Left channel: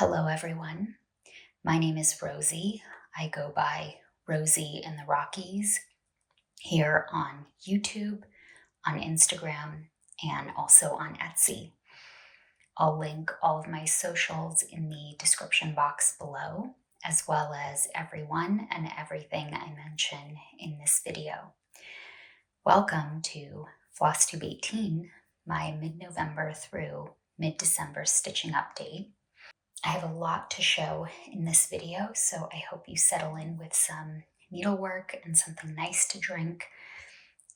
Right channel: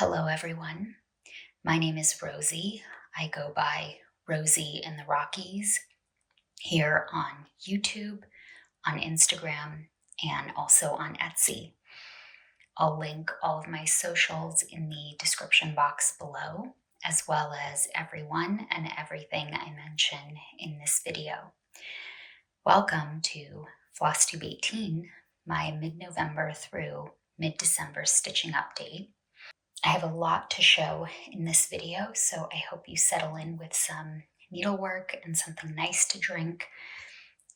Hello, everyone. My name is Rosie. I go by Rosie in the Rockies here on YouTube, on Instagram, and also on Etsy. I'll link all of my socials in the description box below, as well as everyone and everything I mention in this video. Welcome to Flosstube 18, my mid-November through mid-December stitching update. I have a lot to show in this video, so I hope you settle in with some needlework and something nice to drink.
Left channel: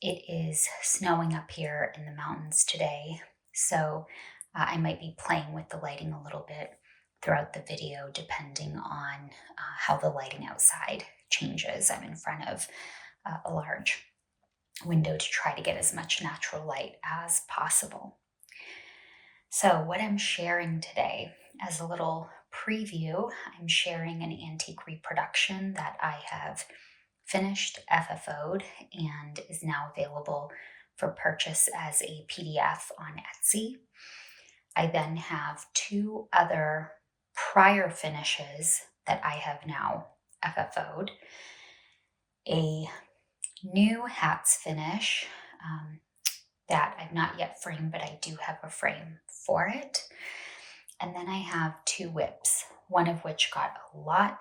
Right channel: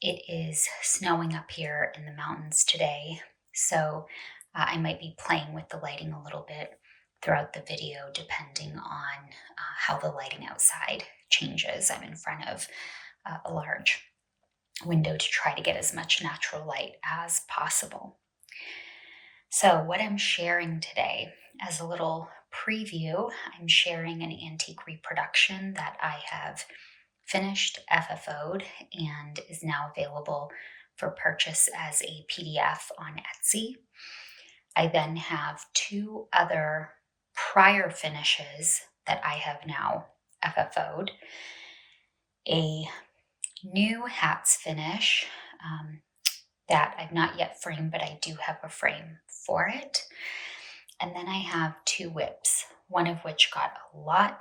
It is snowing up here in the mountains today, so I might be playing with the lighting a little bit throughout the video depending on how the lighting outside changes. I'm in front of a large window to try to get as much natural light as possible. So what I'm sharing today, as a little preview, I'm sharing an antique reproduction that I have finished, FFO'd, and is now available for purchase as a PDF on Etsy. I then have two other prior finishes that I have now FFO'd. A new hats finish that I've not yet framed, but I do have a frame for it. And then I have two whips, one of which got a lot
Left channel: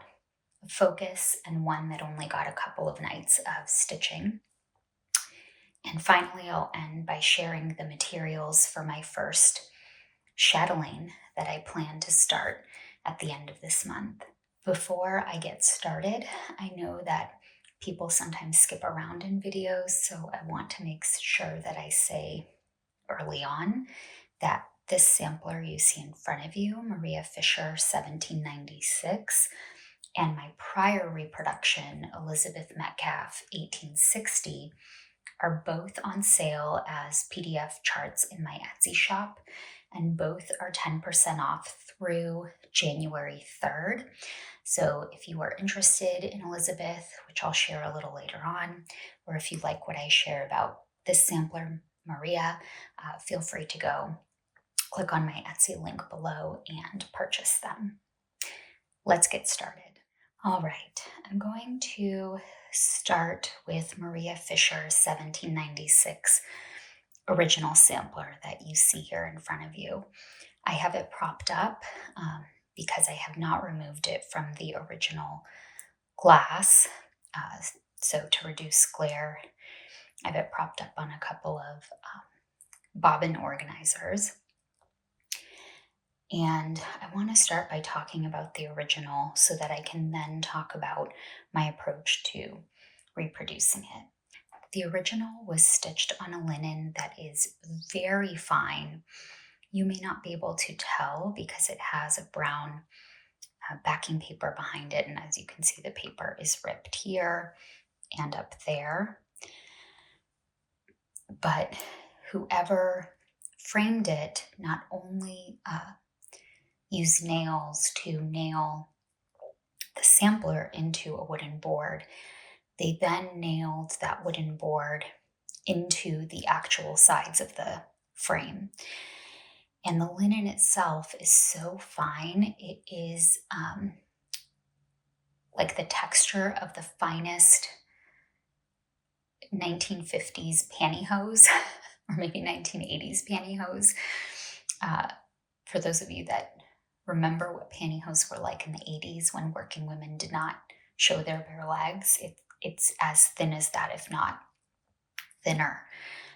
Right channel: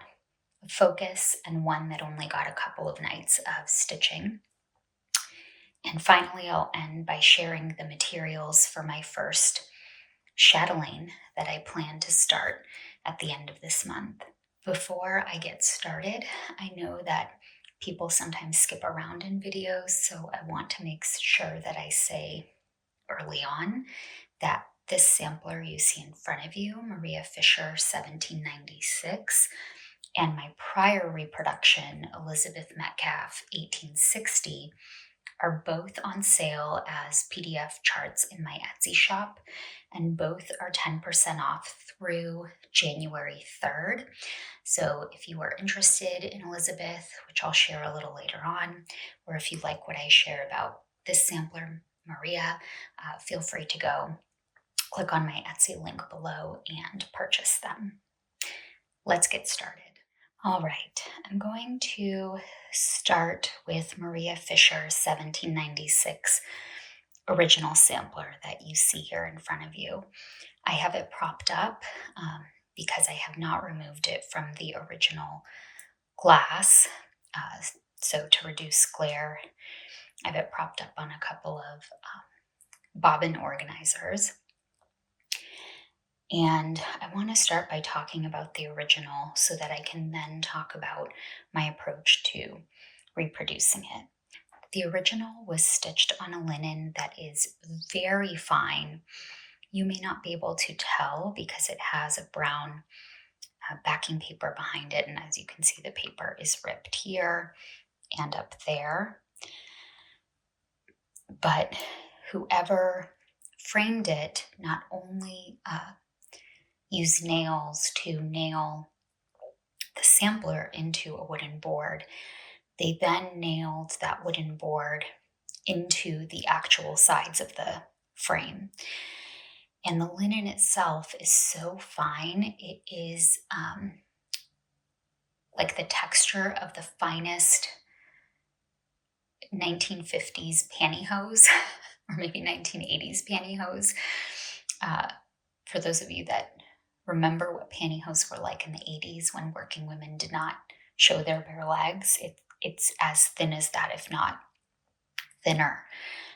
of focus and one that only got a couple of nights of stitching. And finally, I'll end by sharing the materials for my first chatelaine that I plan to start at the end of this month. Before I get started, I know that people sometimes skip around in videos, so I want to make sure that I say early on that this sampler you see in front of you, Maria Fisher 1796, and my prior reproduction, Elizabeth Metcalfe 1860, are both on sale as PDF charts in my Etsy shop, and both are 10% off through January 3rd. So if you are interested in Elizabeth, which I'll share a little later on, or if you like what I share about this sampler, Maria, feel free to go click on my Etsy link below and purchase them. Let's get started. All right, I'm going to start with Maria Fisher 1796 original sampler that you see here in front of you. I have it propped up because I have not removed it from the original glass. So to reduce glare, I have it propped up on a couple of bobbin organizers. And I want to start by talking about the original so that I can then talk about my approach to reproducing it. The original was stitched on a linen that is very fine. You may not be able to tell because it has a brown backing paper behind it, and as you can see, the paper is ripped here and up there. But whoever framed it not only used nails to nail the sampler into a wooden board, they then nailed that wooden board into the actual sides of the frame. And the linen itself is so fine. It is like the texture of the finest 1950s pantyhose, or maybe 1980s pantyhose. For those of you that remember what pantyhose were like in the 80s when working women did not show their bare legs, it's as thin as that, if not thinner.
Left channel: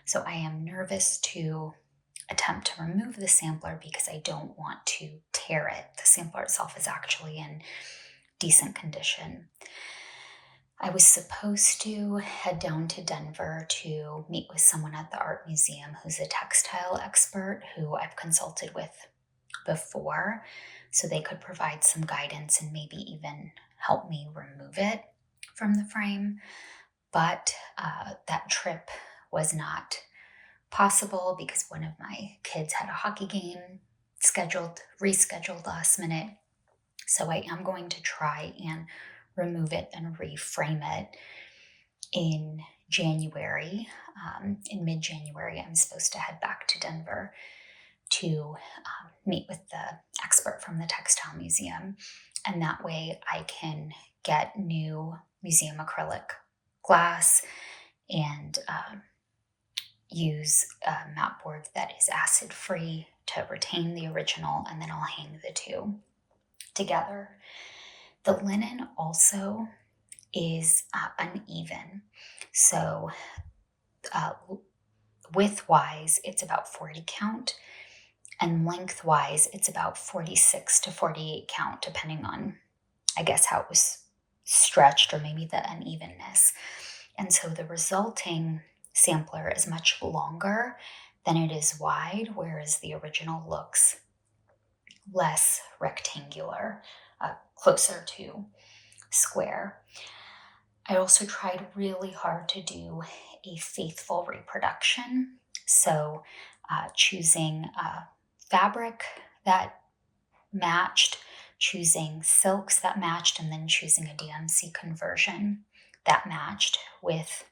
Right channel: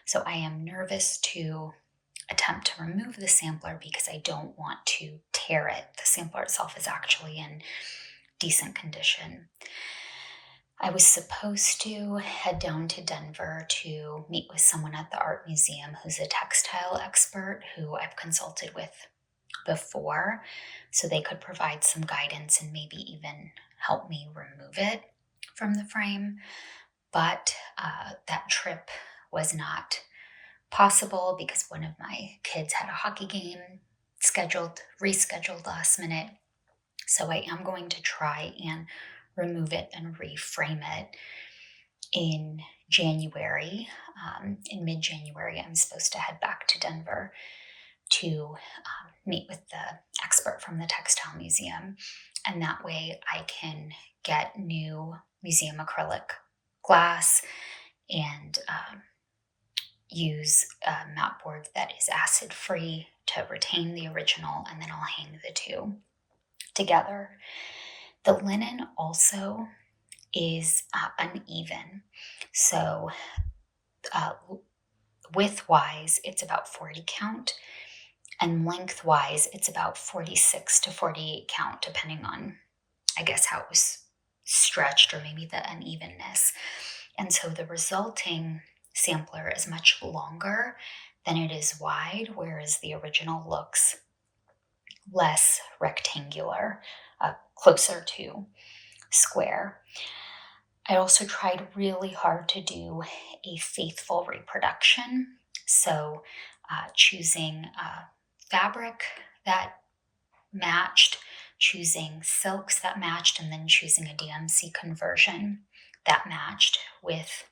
So I am nervous to attempt to remove the sampler because I don't want to tear it. The sampler itself is actually in decent condition. I was supposed to head down to Denver to meet with someone at the art museum who's a textile expert who I've consulted with before, so they could provide some guidance and maybe even help me remove it from the frame. But that trip was not possible because one of my kids had a hockey game rescheduled last minute. So I am going to try and remove it and reframe it in January. In mid-January, I'm supposed to head back to Denver to meet with the expert from the Textile Museum, and that way I can get new museum acrylic glass and use a mat board that is acid free to retain the original, and then I'll hang the two together. The linen also is uneven, so width-wise it's about 40 count, and lengthwise it's about 46 to 48 count, depending on, I guess, how it was stretched or maybe the unevenness. And so the resulting sampler is much longer than it is wide, whereas the original looks less rectangular, closer to square. I also tried really hard to do a faithful reproduction, so choosing fabric that matched, choosing silks that matched, and then choosing a DMC conversion that matched, with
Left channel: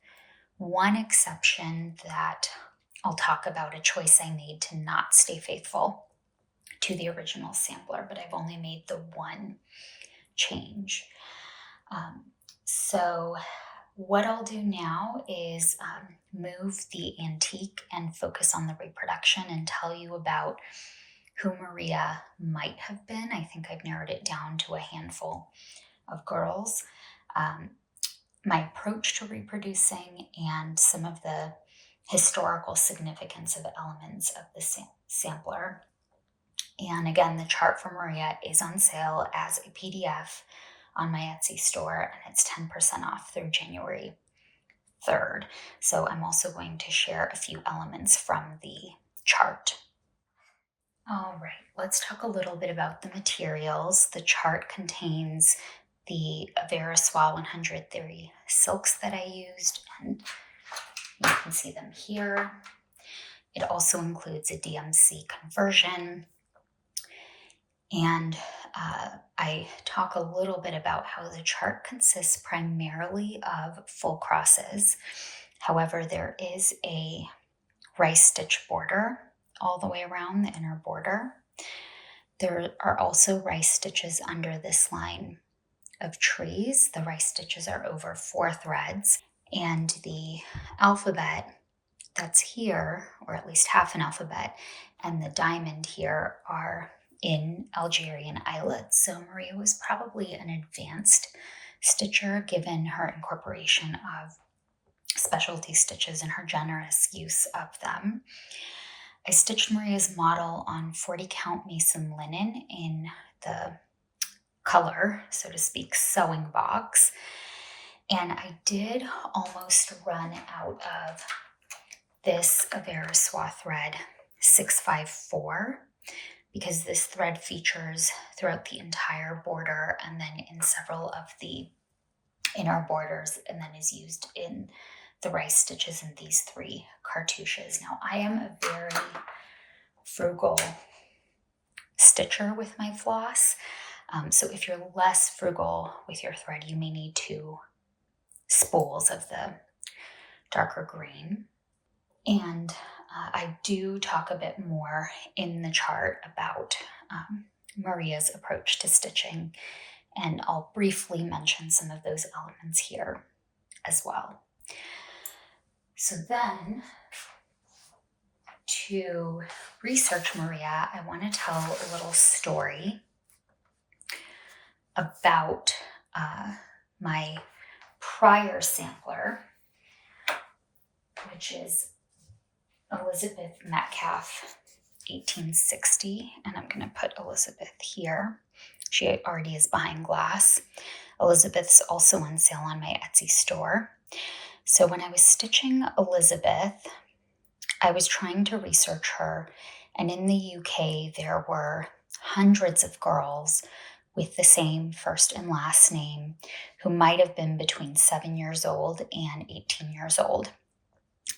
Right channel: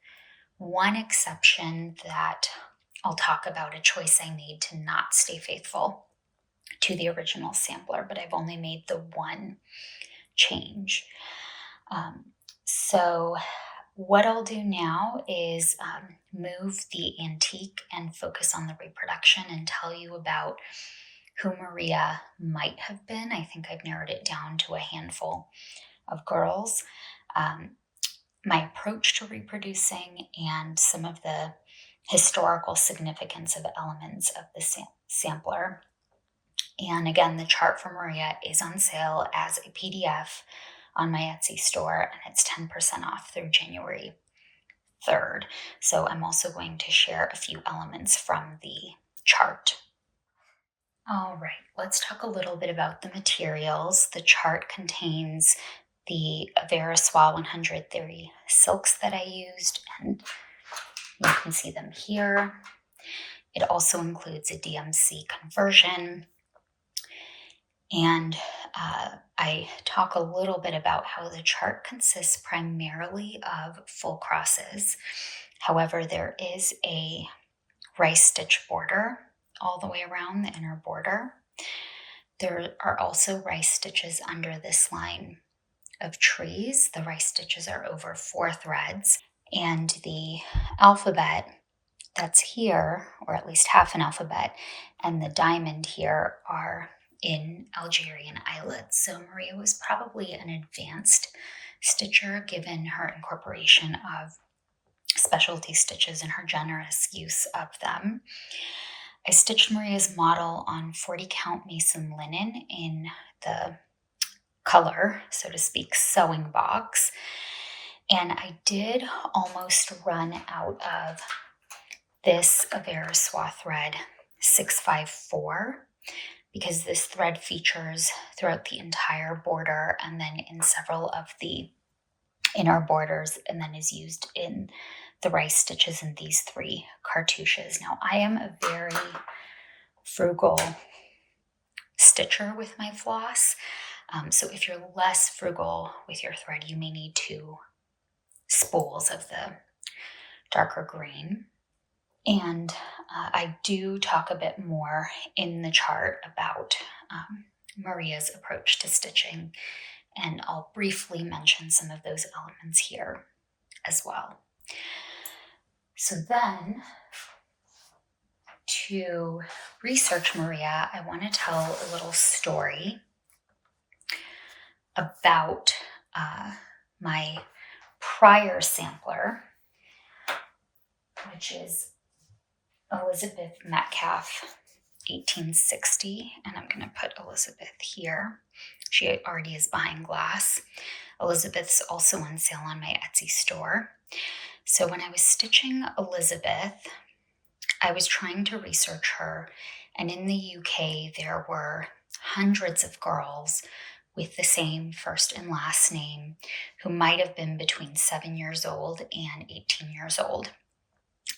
one exception that I'll talk about, a choice I made to not stay faithful to the original sampler, but I've only made the one change. So what I'll do now is move the antique and focus on the reproduction and tell you about who Maria might have been. I think I've narrowed it down to a handful of girls. My approach to reproducing and some of the historical significance of elements of the sampler. And again, the chart for Maria is on sale as a PDF on my Etsy store, and it's 10% off through January 3rd. So I'm also going to share a few elements from the chart. All right, let's talk a little bit about the materials. The chart contains the Veriswa 130 silks that I used, and you can see them here. It also includes a DMC conversion. And I talk a little bit about how the chart consists primarily of full crosses. However, there is a rice stitch border all the way around the inner border. There are also rice stitches under this line of trees. The rice stitches are over 4 threads, and the alphabet that's here, or at least half an alphabet, and the diamond here are in Algerian eyelets. So Maria was probably an advanced stitcher given her incorporation of specialty stitches and her generous use of them. I stitched Maria's model on 40 count mason linen in the color, so to speak, sewing box. And I did almost run out of this Veriswa thread 654, because this thread features throughout the entire border and then in several of the inner borders, and then is used in the rice stitches in these 3 cartouches. Now, I am a very frugal stitcher with my floss, so if you're less frugal with your thread, you may need 2 spools of the darker green. And I do talk a bit more in the chart about Maria's approach to stitching, and I'll briefly mention some of those elements here as well. So then, to research Maria, I want to tell a little story about my prior sampler, which is Elizabeth Metcalfe, 1860, and I'm going to put Elizabeth here. She already is behind glass. Elizabeth's also on sale on my Etsy store. So when I was stitching Elizabeth, I was trying to research her, and in the UK there were hundreds of girls with the same first and last name who might have been between 7 years old and 18 years old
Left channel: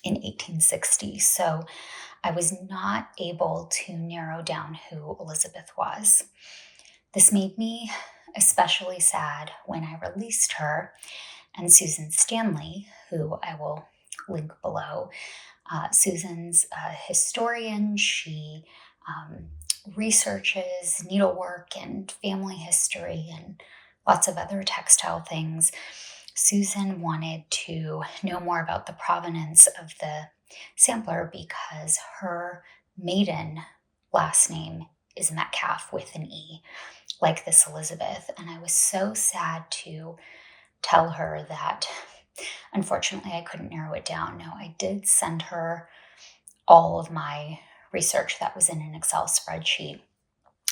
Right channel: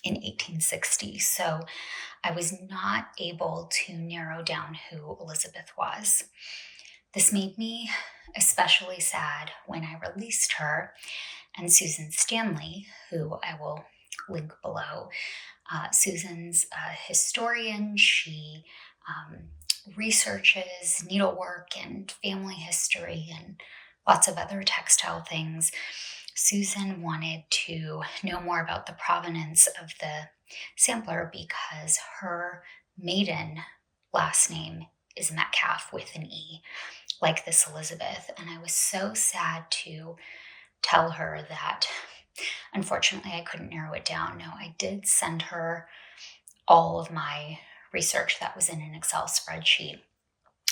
in 1860. So I was not able to narrow down who Elizabeth was. This made me especially sad when I released her, and Susan Standley, who I will link below. Susan's a historian. She researches, needlework, and family history, and lots of other textile things, Susan wanted to know more about the provenance of the sampler because her maiden last name is Metcalfe with an E, like this Elizabeth. And I was so sad to tell her that unfortunately I couldn't narrow it down. Now, I did send her all of my research that was in an Excel spreadsheet,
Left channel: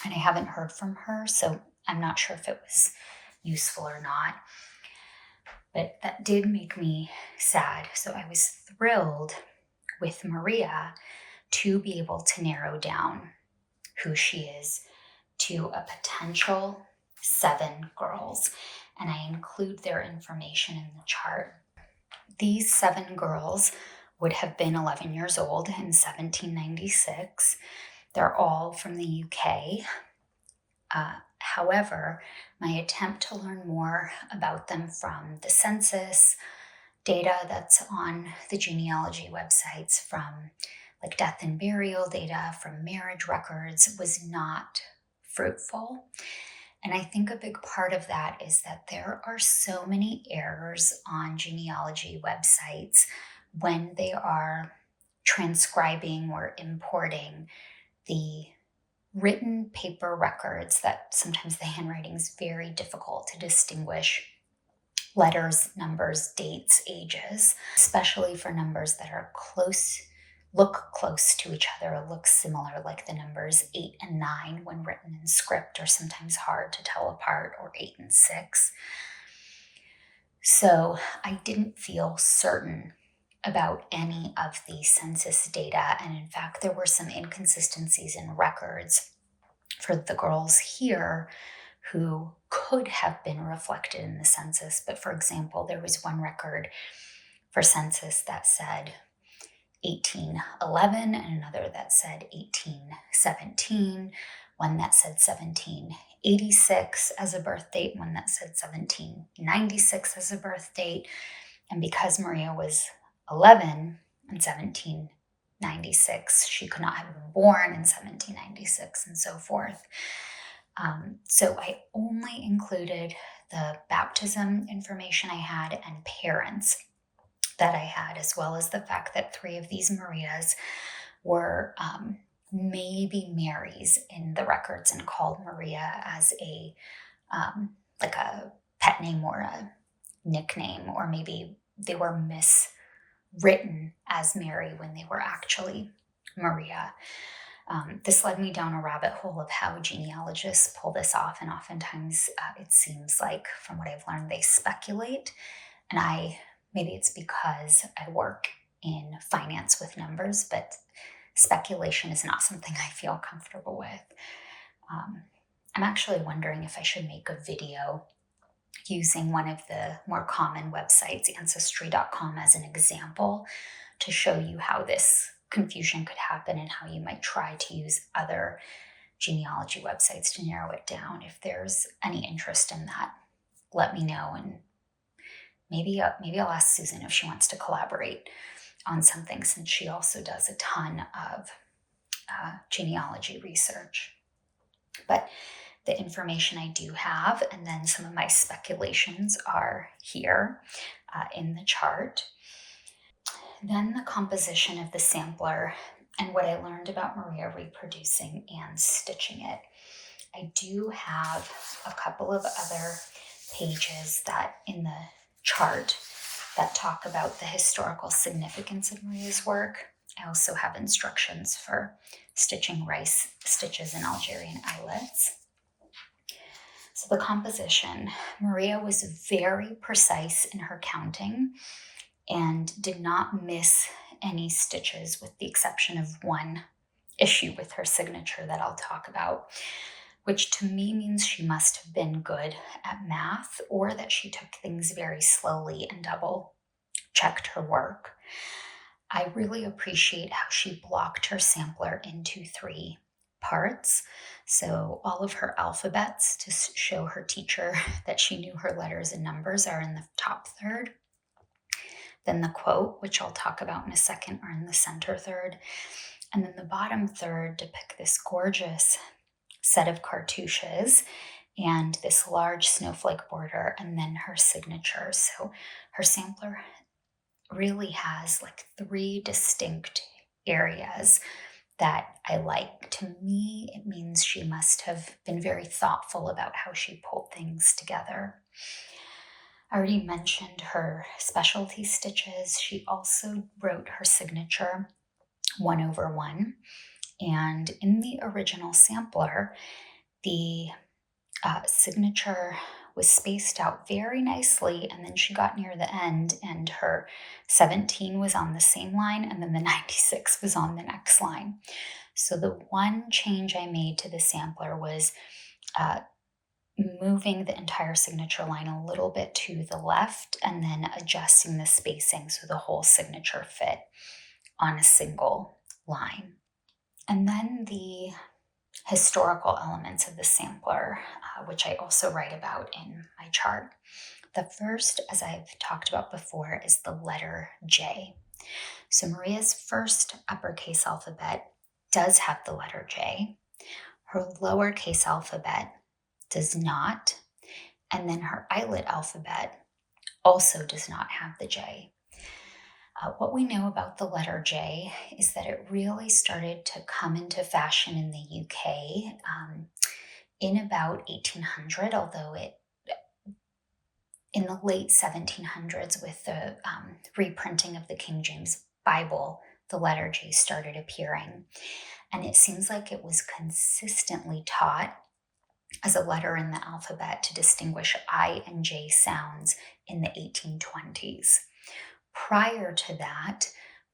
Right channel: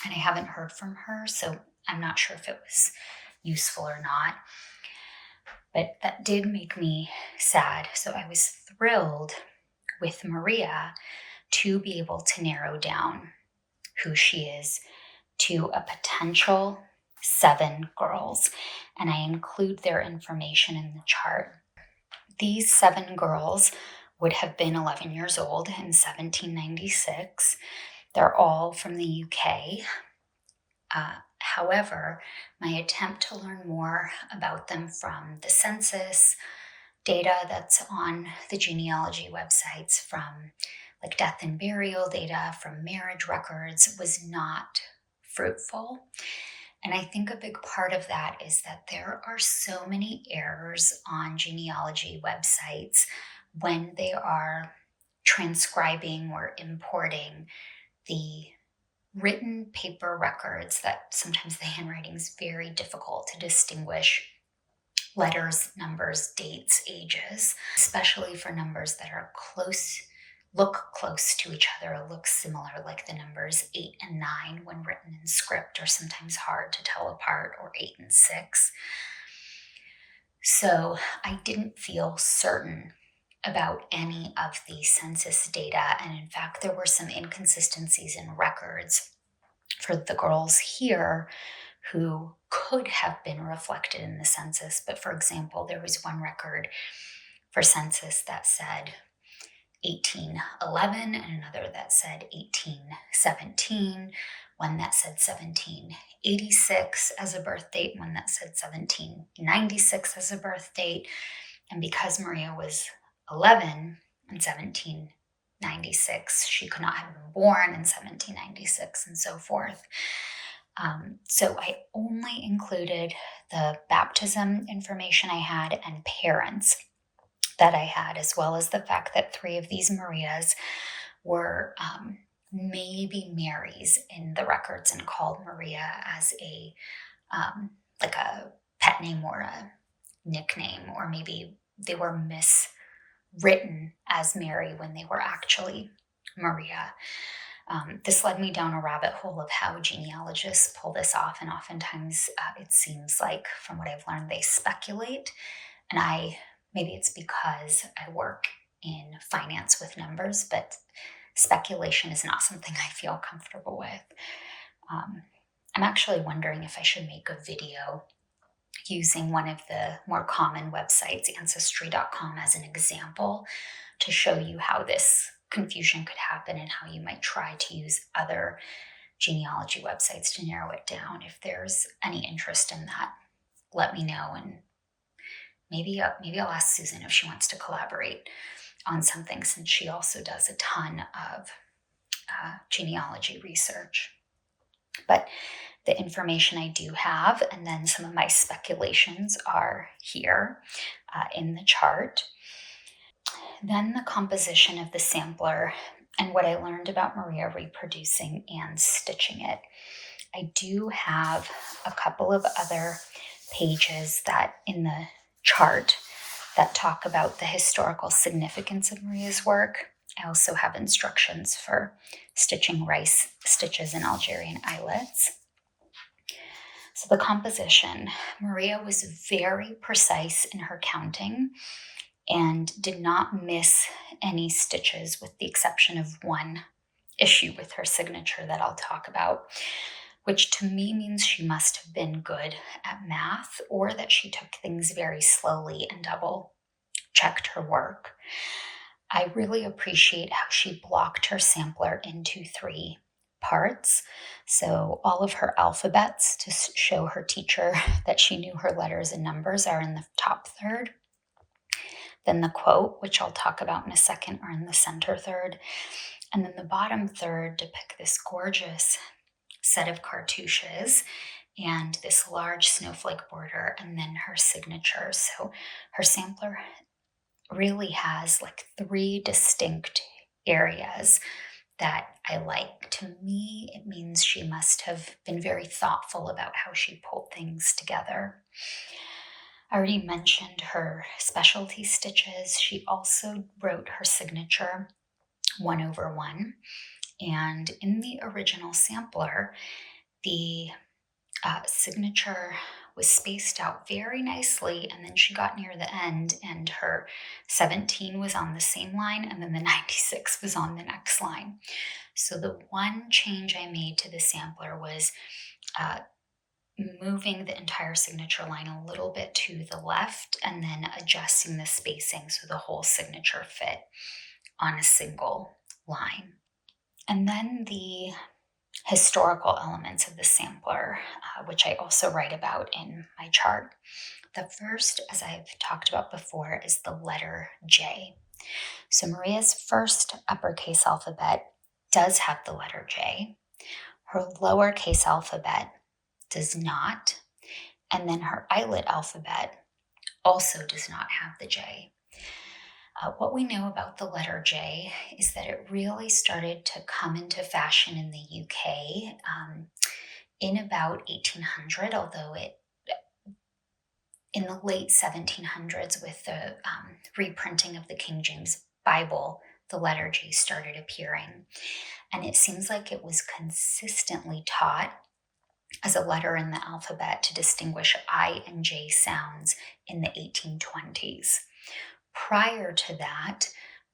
and I haven't heard from her, so I'm not sure if it was useful or not. But that did make me sad. So I was thrilled with Maria to be able to narrow down who she is to a potential 7 girls. And I include their information in the chart. These 7 girls would have been 11 years old in 1796. They're all from the UK. However, my attempt to learn more about them from the census data that's on the genealogy websites, from like death and burial data, from marriage records, was not fruitful. And I think a big part of that is that there are so many errors on genealogy websites when they are transcribing or importing the written paper records, that sometimes the handwriting is very difficult to distinguish letters, numbers, dates, ages, especially for numbers that are look close to each other, look similar, like the numbers 8 and 9 when written in script are sometimes hard to tell apart, or 8 and 6. So I didn't feel certain about any of the census data, and in fact there were some inconsistencies in records for the girls here who could have been reflected in the census. But for example, there was one record for census that said 1811 and another that said 1817, one that said 1786 as a birth date, one that said 1796 as a birth date. And because Maria was 11 in 1796, she could not have been born in 1796, and so forth. So I only included the baptism information I had and parents that I had, as well as the fact that 3 of these Marias were maybe Marys in the records and called Maria as a like a pet name or a nickname, or maybe they were miswritten as Mary when they were actually Maria. This led me down a rabbit hole of how genealogists pull this off, and oftentimes it seems like, from what I've learned, they speculate. And maybe it's because I work in finance with numbers, but speculation is not something I feel comfortable with. I'm actually wondering if I should make a video using one of the more common websites, Ancestry.com, as an example to show you how this confusion could happen and how you might try to use other genealogy websites to narrow it down. If there's any interest in that, let me know, and maybe I'll ask Susan if she wants to collaborate on something, since she also does a ton of genealogy research. But the information I do have, and then some of my speculations, are here in the chart. Then the composition of the sampler and what I learned about Maria reproducing and stitching it. I do have a couple of other pages that in the chart that talk about the historical significance of Maria's work. I also have instructions for stitching rice stitches in Algerian eyelets. So the composition, Maria was very precise in her counting and did not miss any stitches, with the exception of one issue with her signature that I'll talk about, which to me means she must have been good at math, or that she took things very slowly and double checked her work. I really appreciate how she blocked her sampler into 3 parts. So all of her alphabets, to show her teacher that she knew her letters and numbers, are in the top third. Then the quote, which I'll talk about in a second, are in the center third. And then the bottom third depict this gorgeous set of cartouches and this large snowflake border, and then her signature. So her sampler really has like 3 distinct areas that I like. To me, it means she must have been very thoughtful about how she pulled things together. I already mentioned her specialty stitches. She also wrote her signature 1/1. And in the original sampler, the signature was spaced out very nicely, and then she got near the end and her 17 was on the same line, and then the 96 was on the next line. So the one change I made to the sampler was moving the entire signature line a little bit to the left and then adjusting the spacing so the whole signature fit on a single line. And then the historical elements of the sampler, which I also write about in my chart. The first, as I've talked about before, is the letter J. So Maria's first uppercase alphabet does have the letter J. Her lowercase alphabet does not. And then her eyelet alphabet also does not have the J. What we know about the letter J is that it really started to come into fashion in the UK in about 1800, although in the late 1700s with the reprinting of the King James Bible, the letter J started appearing. And it seems like it was consistently taught as a letter in the alphabet to distinguish I and J sounds in the 1820s. Prior to that,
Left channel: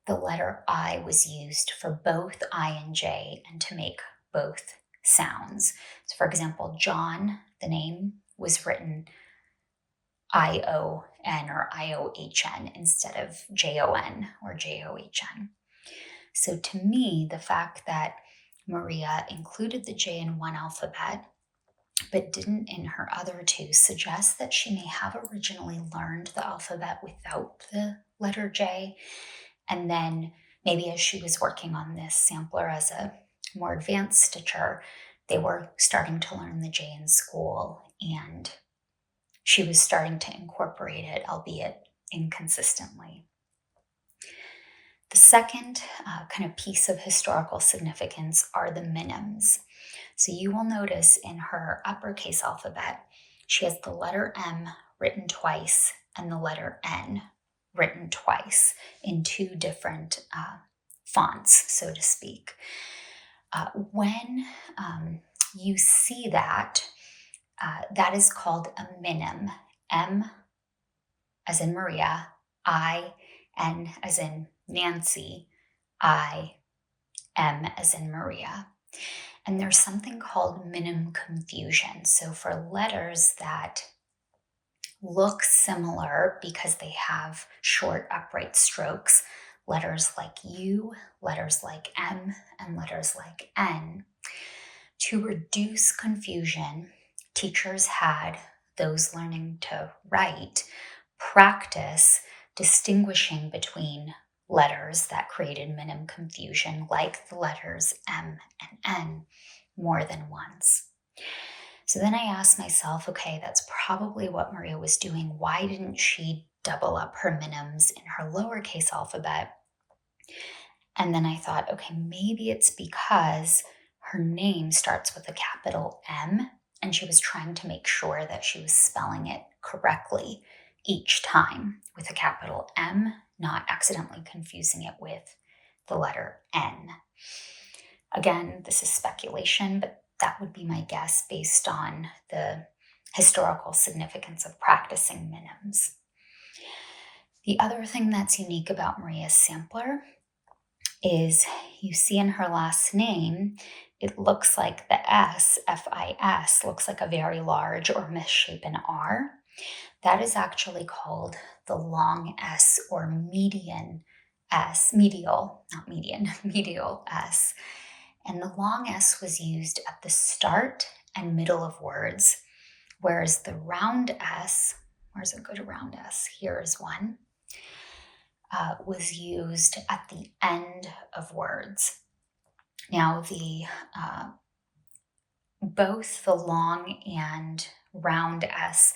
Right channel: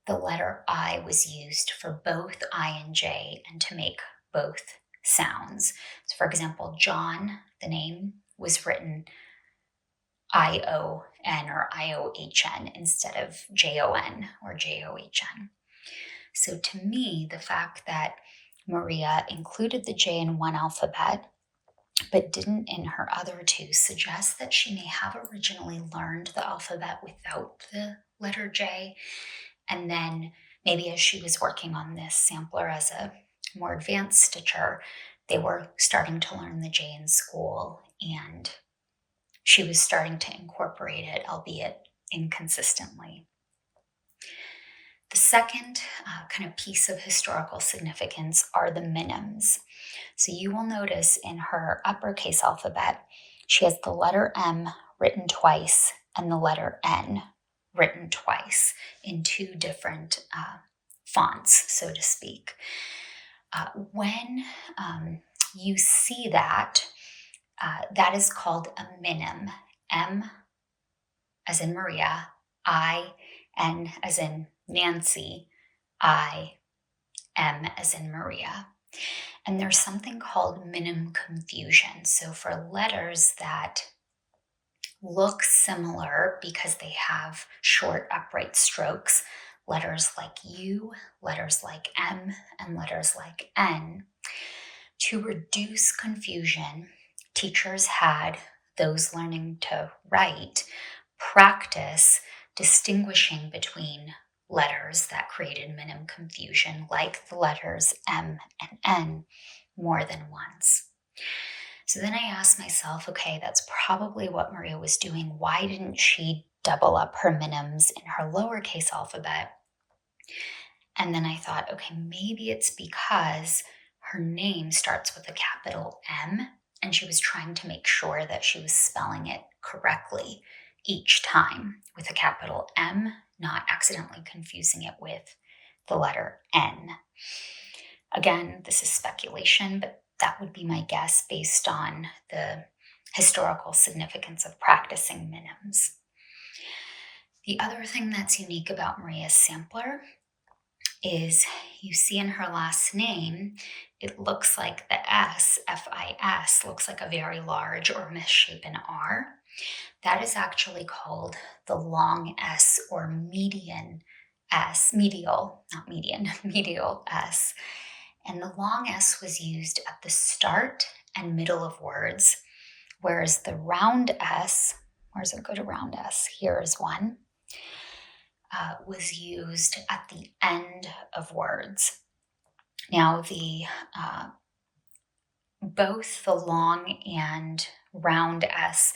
the letter I was used for both I and J and to make both sounds. So for example, John, the name, was written I-O-N or I-O-H-N instead of J-O-N or J-O-H-N. So to me, the fact that Maria included the J in one alphabet but didn't in her other 2 suggests that she may have originally learned the alphabet without the letter J. And then maybe as she was working on this sampler as a more advanced stitcher, they were starting to learn the J in school, and she was starting to incorporate it, albeit inconsistently. The second kind of piece of historical significance are the minims. So you will notice in her uppercase alphabet, she has the letter M written twice and the letter N written twice in 2 different fonts, so to speak. When you see that, that is called a minim. M as in Maria, I, N as in Nancy, I, M as in Maria. And there's something called minim confusion. So for letters that look similar because they have short upright strokes, letters like U, letters like M, and letters like N, to reduce confusion, teachers had those learning to write practice distinguishing between letters that created minim confusion, like the letters M and N, more than once. So then I asked myself, okay, that's probably what Maria was doing. Why didn't she double up her minims in her lowercase alphabet? And then I thought, okay, maybe it's because her name starts with a capital M, and she was trying to make sure that she was spelling it correctly each time with a capital M, not accidentally confusing it with the letter N. Again, this is speculation, but that would be my guess based on the historical significance of practicing minims. The other thing that's unique about Maria's sampler is you see in her last name, it looks like the S, F-I-S, looks like a very large or misshapen R. That is actually called the long S or median S, medial, not median, medial S. And the long S was used at the start and middle of words, whereas the round S, where does it go to round S? Here is one, was used at the end of words. Now, both the long and round S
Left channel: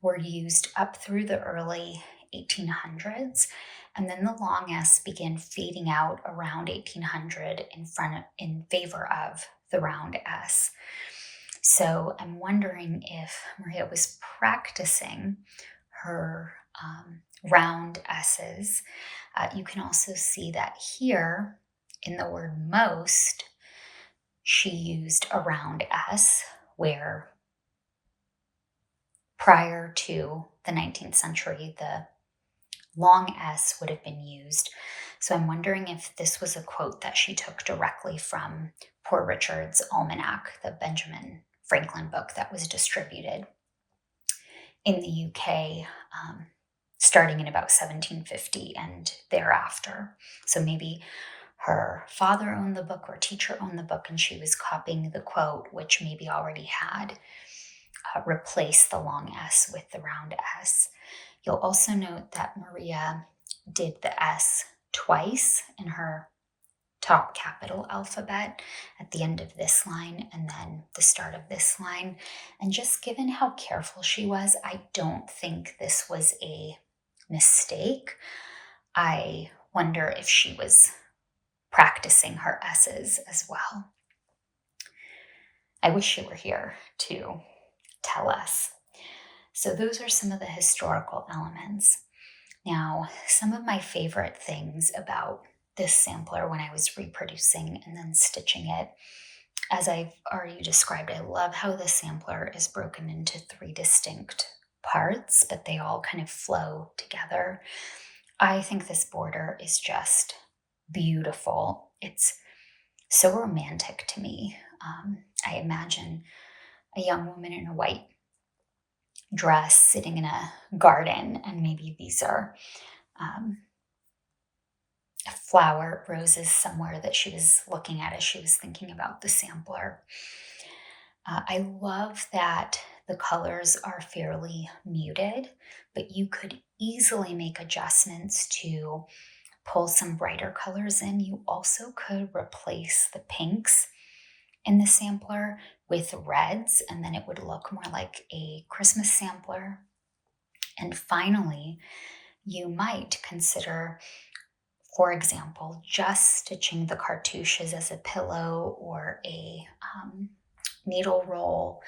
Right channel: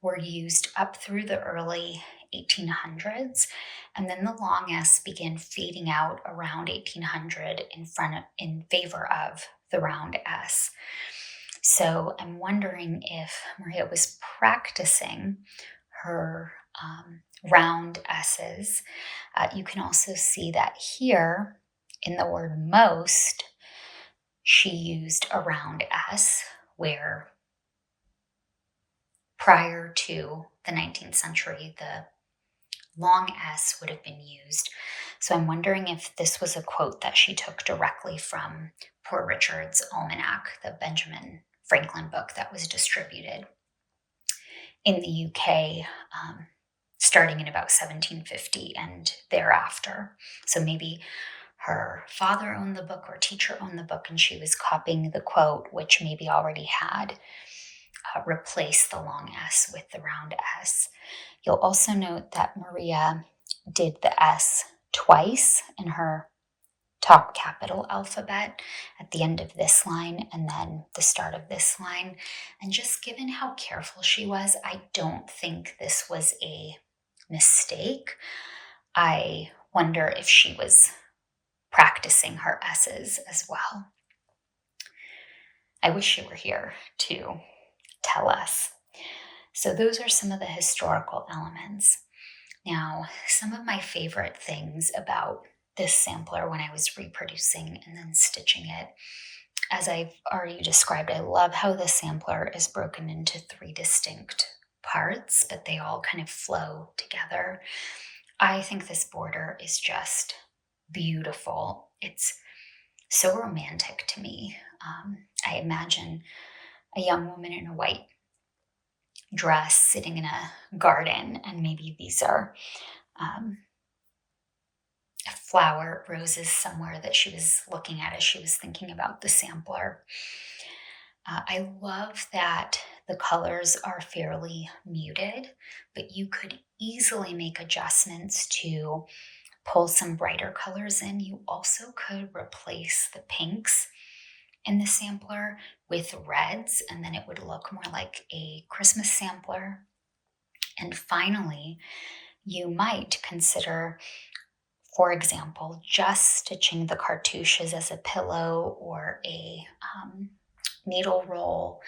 were used up through the early 1800s, and then the long S began fading out around 1800 in favor of the round S. So I'm wondering if Maria was practicing her round S's. You can also see that here in the word most, she used a round S, where prior to the 19th century, the long S would have been used. So I'm wondering if this was a quote that she took directly from Poor Richard's Almanac, the Benjamin Franklin book that was distributed in the UK starting in about 1750 and thereafter. So maybe her father owned the book or teacher owned the book, and she was copying the quote, which maybe already had replaced the long S with the round S. You'll also note that Maria did the S twice in her top capital alphabet at the end of this line and then the start of this line. And just given how careful she was, I don't think this was a mistake. I wonder if she was practicing her S's as well. I wish she were here to tell us. So those are some of the historical elements. Now, some of my favorite things about this sampler when I was reproducing and then stitching it, as I've already described, I love how the sampler is broken into 3 distinct parts, but they all kind of flow together. I think this border is just beautiful. It's so romantic to me. I imagine a young woman in a white dress sitting in a garden, and maybe these are flower roses somewhere that she was looking at as she was thinking about the sampler. I love that the colors are fairly muted, but you could easily make adjustments to pull some brighter colors in. You also could replace the pinks in the sampler with reds, and then it would look more like a Christmas sampler. And finally, you might consider, for example, just stitching the cartouches as a pillow or a needle roll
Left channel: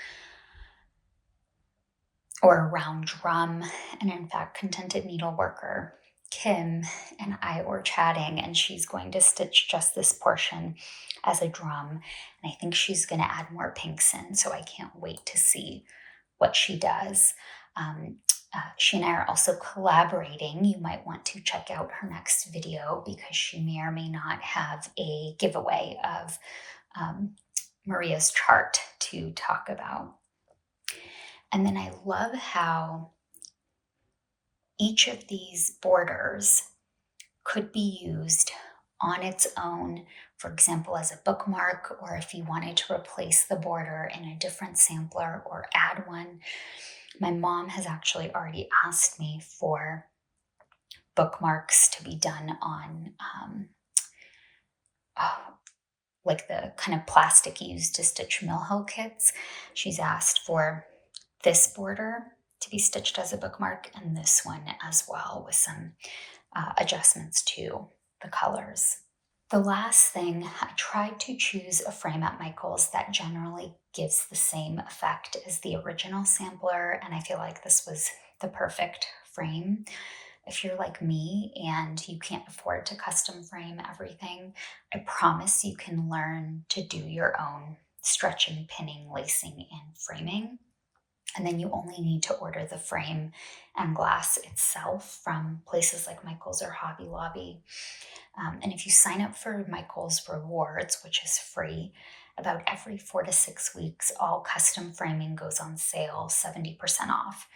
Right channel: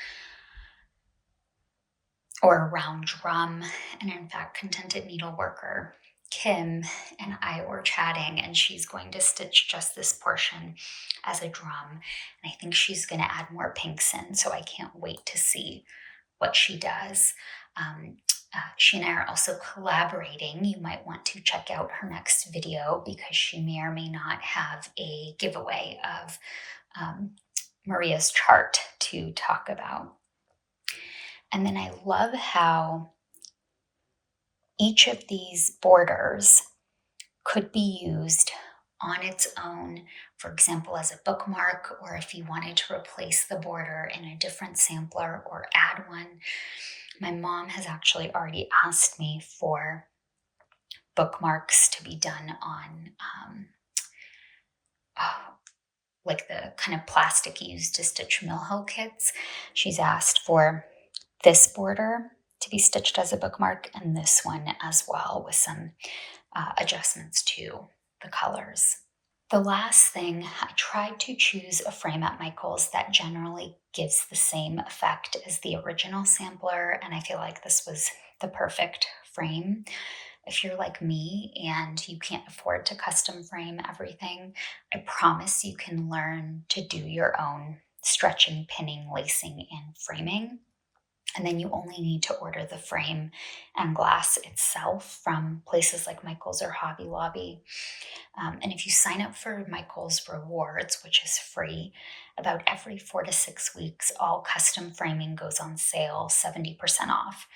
or a round drum. And in fact, Contented Needleworker Kim and I were chatting, and she's going to stitch just this portion as a drum. And I think she's going to add more pinks in, so I can't wait to see what she does. She and I are also collaborating. You might want to check out her next video because she may or may not have a giveaway of Maria's chart to talk about. And then I love how each of these borders could be used on its own, for example, as a bookmark, or if you wanted to replace the border in a different sampler or add one. My mom has actually already asked me for bookmarks to be done on like the kind of plastic used to stitch Mill Hill kits. She's asked for this border to be stitched as a bookmark and this one as well, with some adjustments to the colors. The last thing, I tried to choose a frame at Michael's that generally gives the same effect as the original sampler, and I feel like this was the perfect frame. If you're like me and you can't afford to custom frame everything, I promise you can learn to do your own stretching, pinning, lacing, and framing. And then you only need to order the frame and glass itself from places like Michael's or Hobby Lobby. And if you sign up for Michael's Rewards, which is free, about every 4 to 6 weeks, all custom framing goes on sale, 70% off.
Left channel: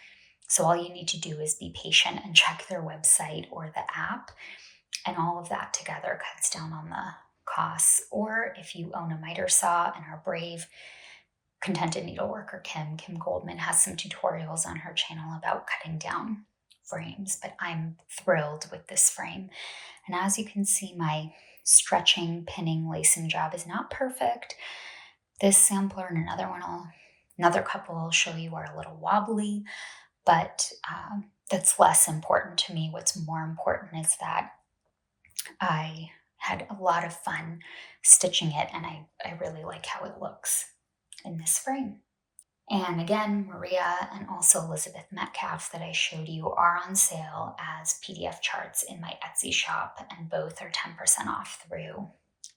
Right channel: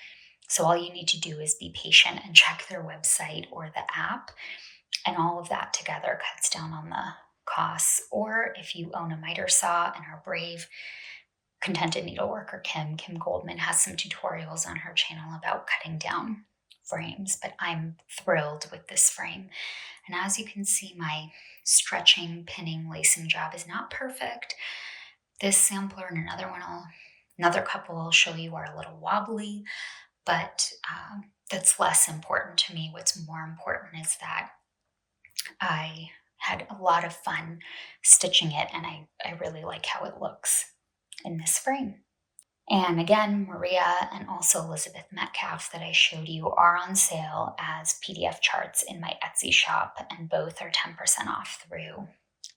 So all you need to do is be patient and check their website or the app, and all of that together cuts down on the costs. Or if you own a miter saw and are brave, Contented Needleworker Kim Goldman has some tutorials on her channel about cutting down frames, but I'm thrilled with this frame. And as you can see, my stretching, pinning, lacing job is not perfect. This sampler and another couple I'll show you are a little wobbly, but that's less important to me. What's more important is that I had a lot of fun stitching it, and I really like how it looks in this frame. And again, Maria and also Elizabeth Metcalfe that I showed you are on sale as PDF charts in my Etsy shop, and both are 10% off through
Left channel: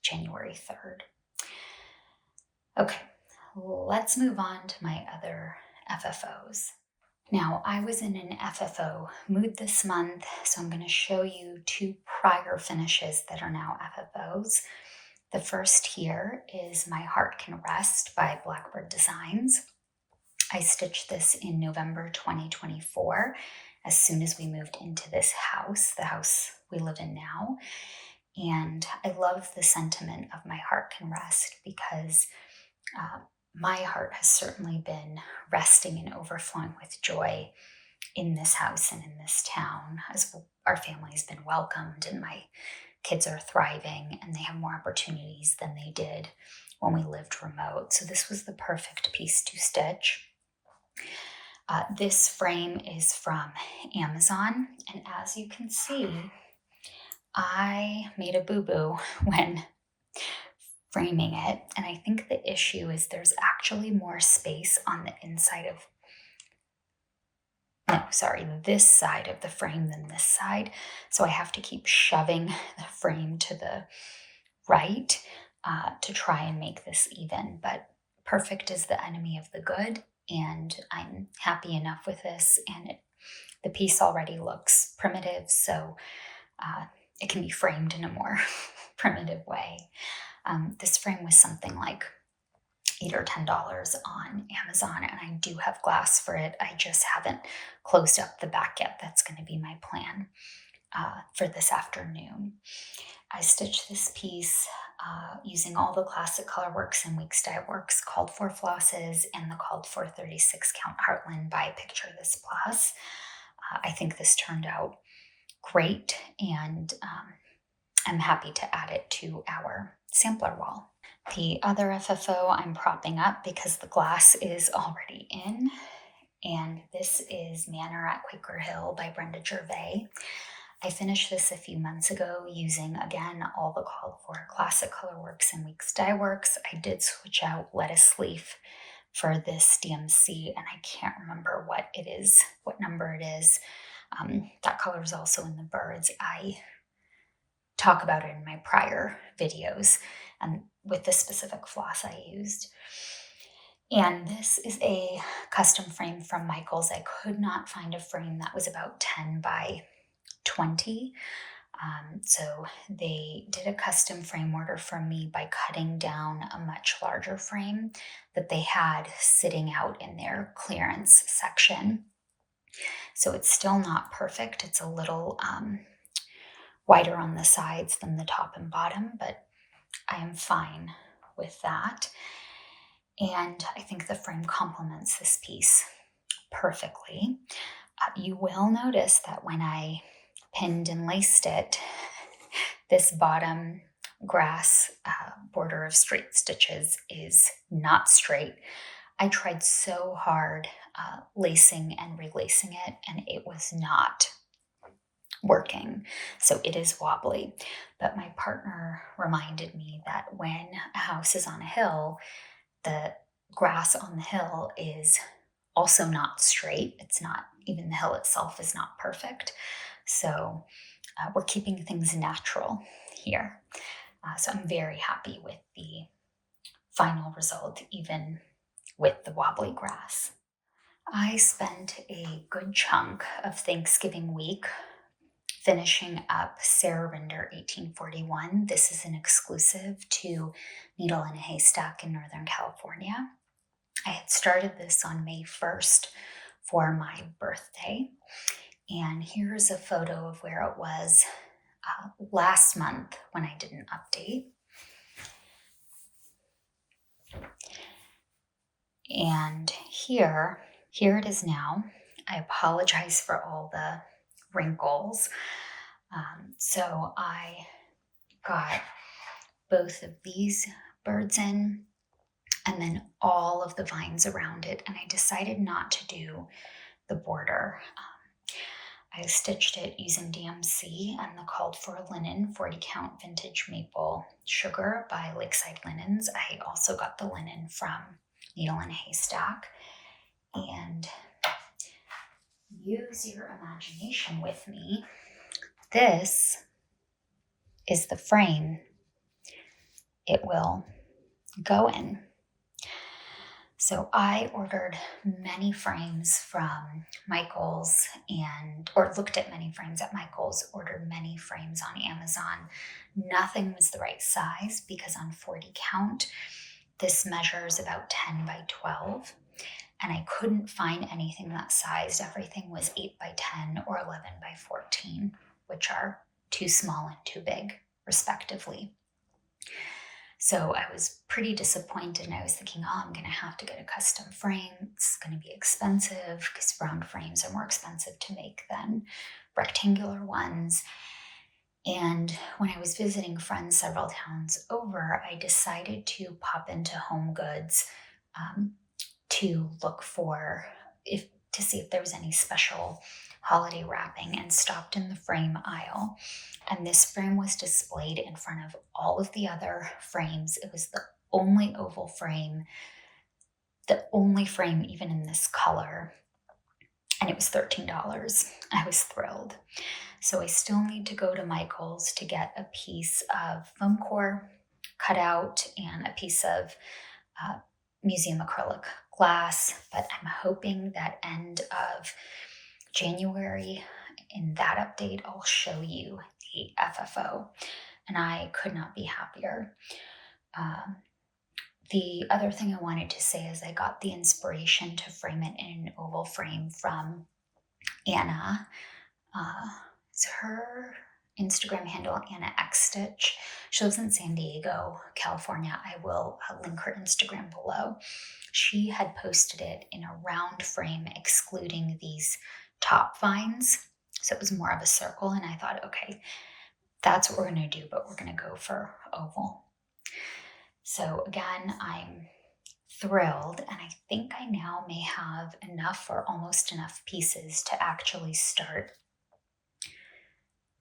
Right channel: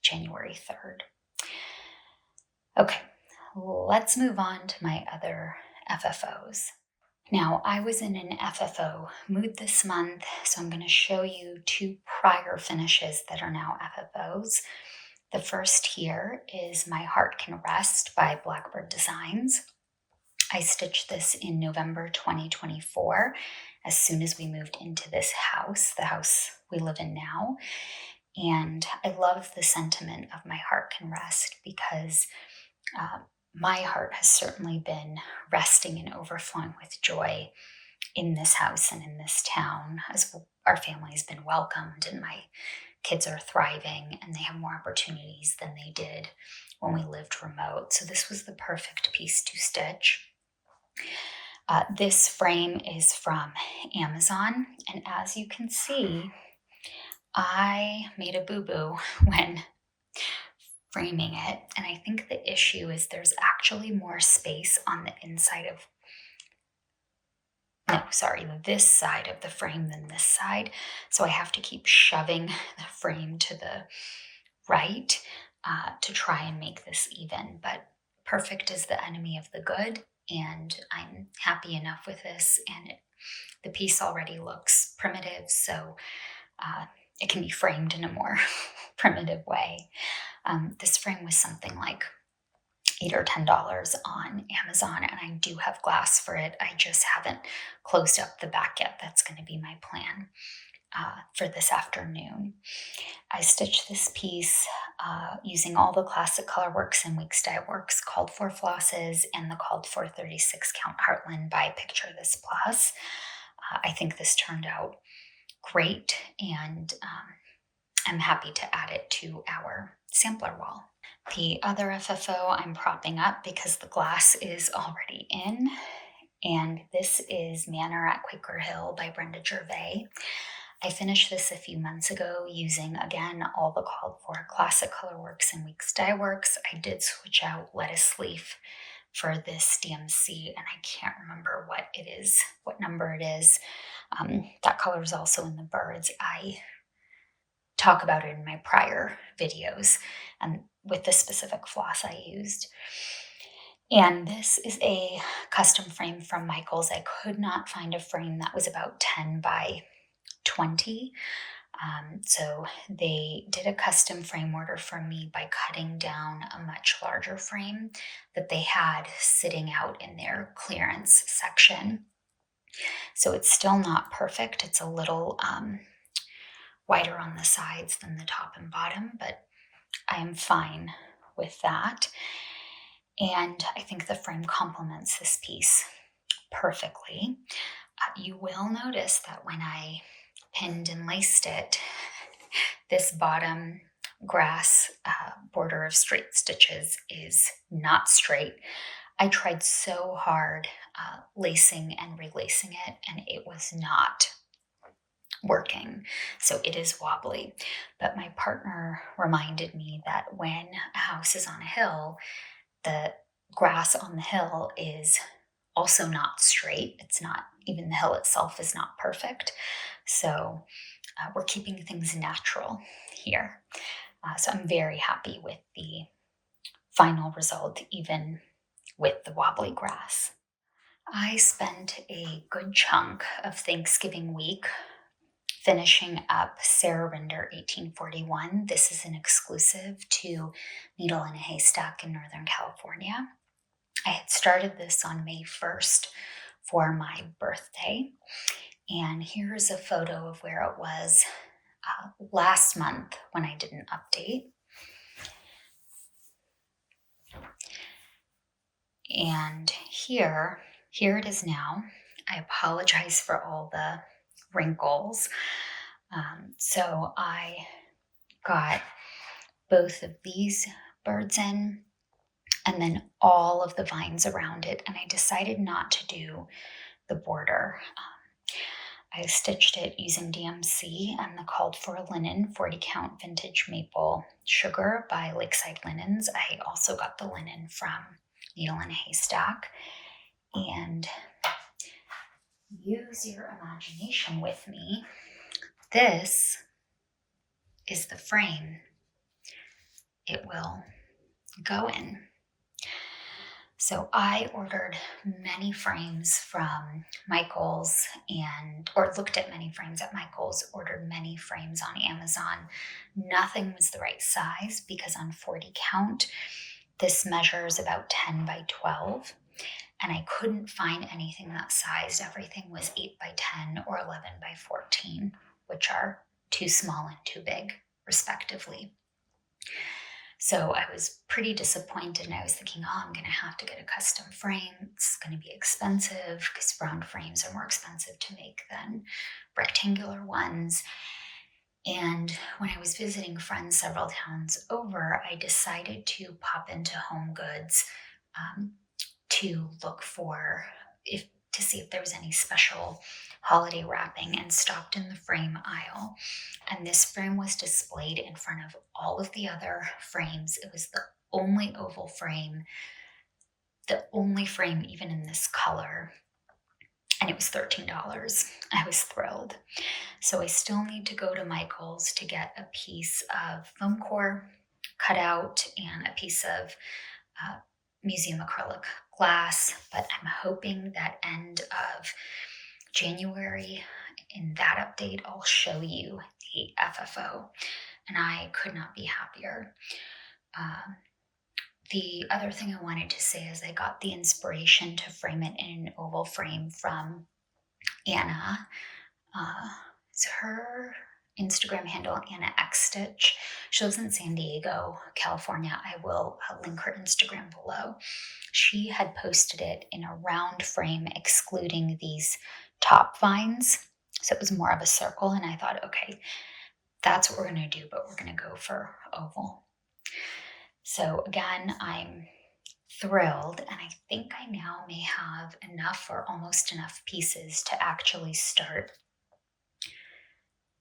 January 3rd. Okay, let's move on to my other FFOs. Now, I was in an FFO mood this month, so I'm going to show you two prior finishes that are now FFOs. The first here is My Heart Can Rest by Blackbird Designs. I stitched this in November 2024, as soon as we moved into this house, the house we live in now. And I love the sentiment of My Heart Can Rest because my heart has certainly been resting and overflowing with joy in this house and in this town, as our family has been welcomed and my kids are thriving and they have more opportunities than they did when we lived remote. So this was the perfect piece to stitch. This frame is from Amazon, and as you can see, I made a boo-boo when framing it, and I think the issue is there's actually more space on the inside of this side of the frame than this side, so I have to keep shoving the frame to the right to try and make this even, but perfect is the enemy of the good, and I'm happy enough with this, and the piece already looks primitive, so it can be framed in a more primitive way. This frame was something like $8 or $10 on Amazon, and I do have glass for it. I just haven't closed up the back yet. That's going to be my plan for this afternoon. I stitched this piece using all the classic colorworks and weeks dye works, called for flosses, and the called for 36 count Heartland by Picture This Plus. I think this turned out great, and I'm happy to add it to our sampler wall. The other FFO I'm propping up because the glass is already in, and this is Manor at Quaker Hill by Brenda Gervais. I finished this a few months ago using, again, all the called for classic colorworks and weeks dye works. I did switch out lettuce leaf for this DMC, and I can't remember what it is, what number it is. That color is also in the birds. I talk about it in my prior videos and with the specific floss I used. And this is a custom frame from Michaels. I could not find a frame that was about 10 by 20. So they did a custom frame order for me by cutting down a much larger frame that they had sitting out in their clearance section. So it's still not perfect. It's a little wider on the sides than the top and bottom, but I'm fine with that. And I think the frame complements this piece perfectly. You will notice that when I pinned and laced it, this bottom grass border of straight stitches is not straight. I tried so hard lacing and relacing it, and it was not working. So it is wobbly. But my partner reminded me that when a house is on a hill, the grass on the hill is also not straight. It's not, even the hill itself is not perfect. So we're keeping things natural here. So I'm very happy with the final result, even with the wobbly grass. I spent a good chunk of Thanksgiving week finishing up Sarah Rinder 1841. This is an exclusive to Needle in a Haystack in Northern California. I had started this on May 1st for my birthday. And here's a photo of where it was last month when I did an update. And here it is now. I apologize for all the wrinkles. So I got both of these birds in, and then all of the vines around it, and I decided not to do the border. I stitched it using DMC and the Called for a Linen 40 count vintage maple sugar by Lakeside Linens. I also got the linen from Needle in a Haystack. And use your imagination with me. This is the frame it will go in. So I ordered many frames from Michael's or looked at many frames at Michael's, ordered many frames on Amazon. Nothing was the right size because on 40 count, this measures about 10 by 12. And I couldn't find anything that sized. Everything was 8 by 10 or 11 by 14, which are too small and too big, respectively. So I was pretty disappointed, and I was thinking, I'm going to have to get a custom frame. It's going to be expensive because round frames are more expensive to make than rectangular ones. And when I was visiting friends several towns over, I decided to pop into Home Goods to look to see if there was any special holiday wrapping, and stopped in the frame aisle. And this frame was displayed in front of all of the other frames. It was the only oval frame, the only frame even in this color, and it was $13. I was thrilled. So I still need to go to Michael's to get a piece of foam core cut out and a piece of museum acrylic glass, but I'm hoping that end of January, in that update, I'll show you the FFO, and I could not be happier. The other thing I wanted to say is I got the inspiration to frame it in an oval frame from Anna. It's her Instagram handle, Anna X Stitch. She lives in San Diego, California. I will link her Instagram below. She had posted it in a round frame, excluding these top vines. So it was more of a circle, and I thought, okay, that's what we're going to do, but we're going to go for oval. So again, I'm thrilled, and I think I now may have enough or almost enough pieces to actually start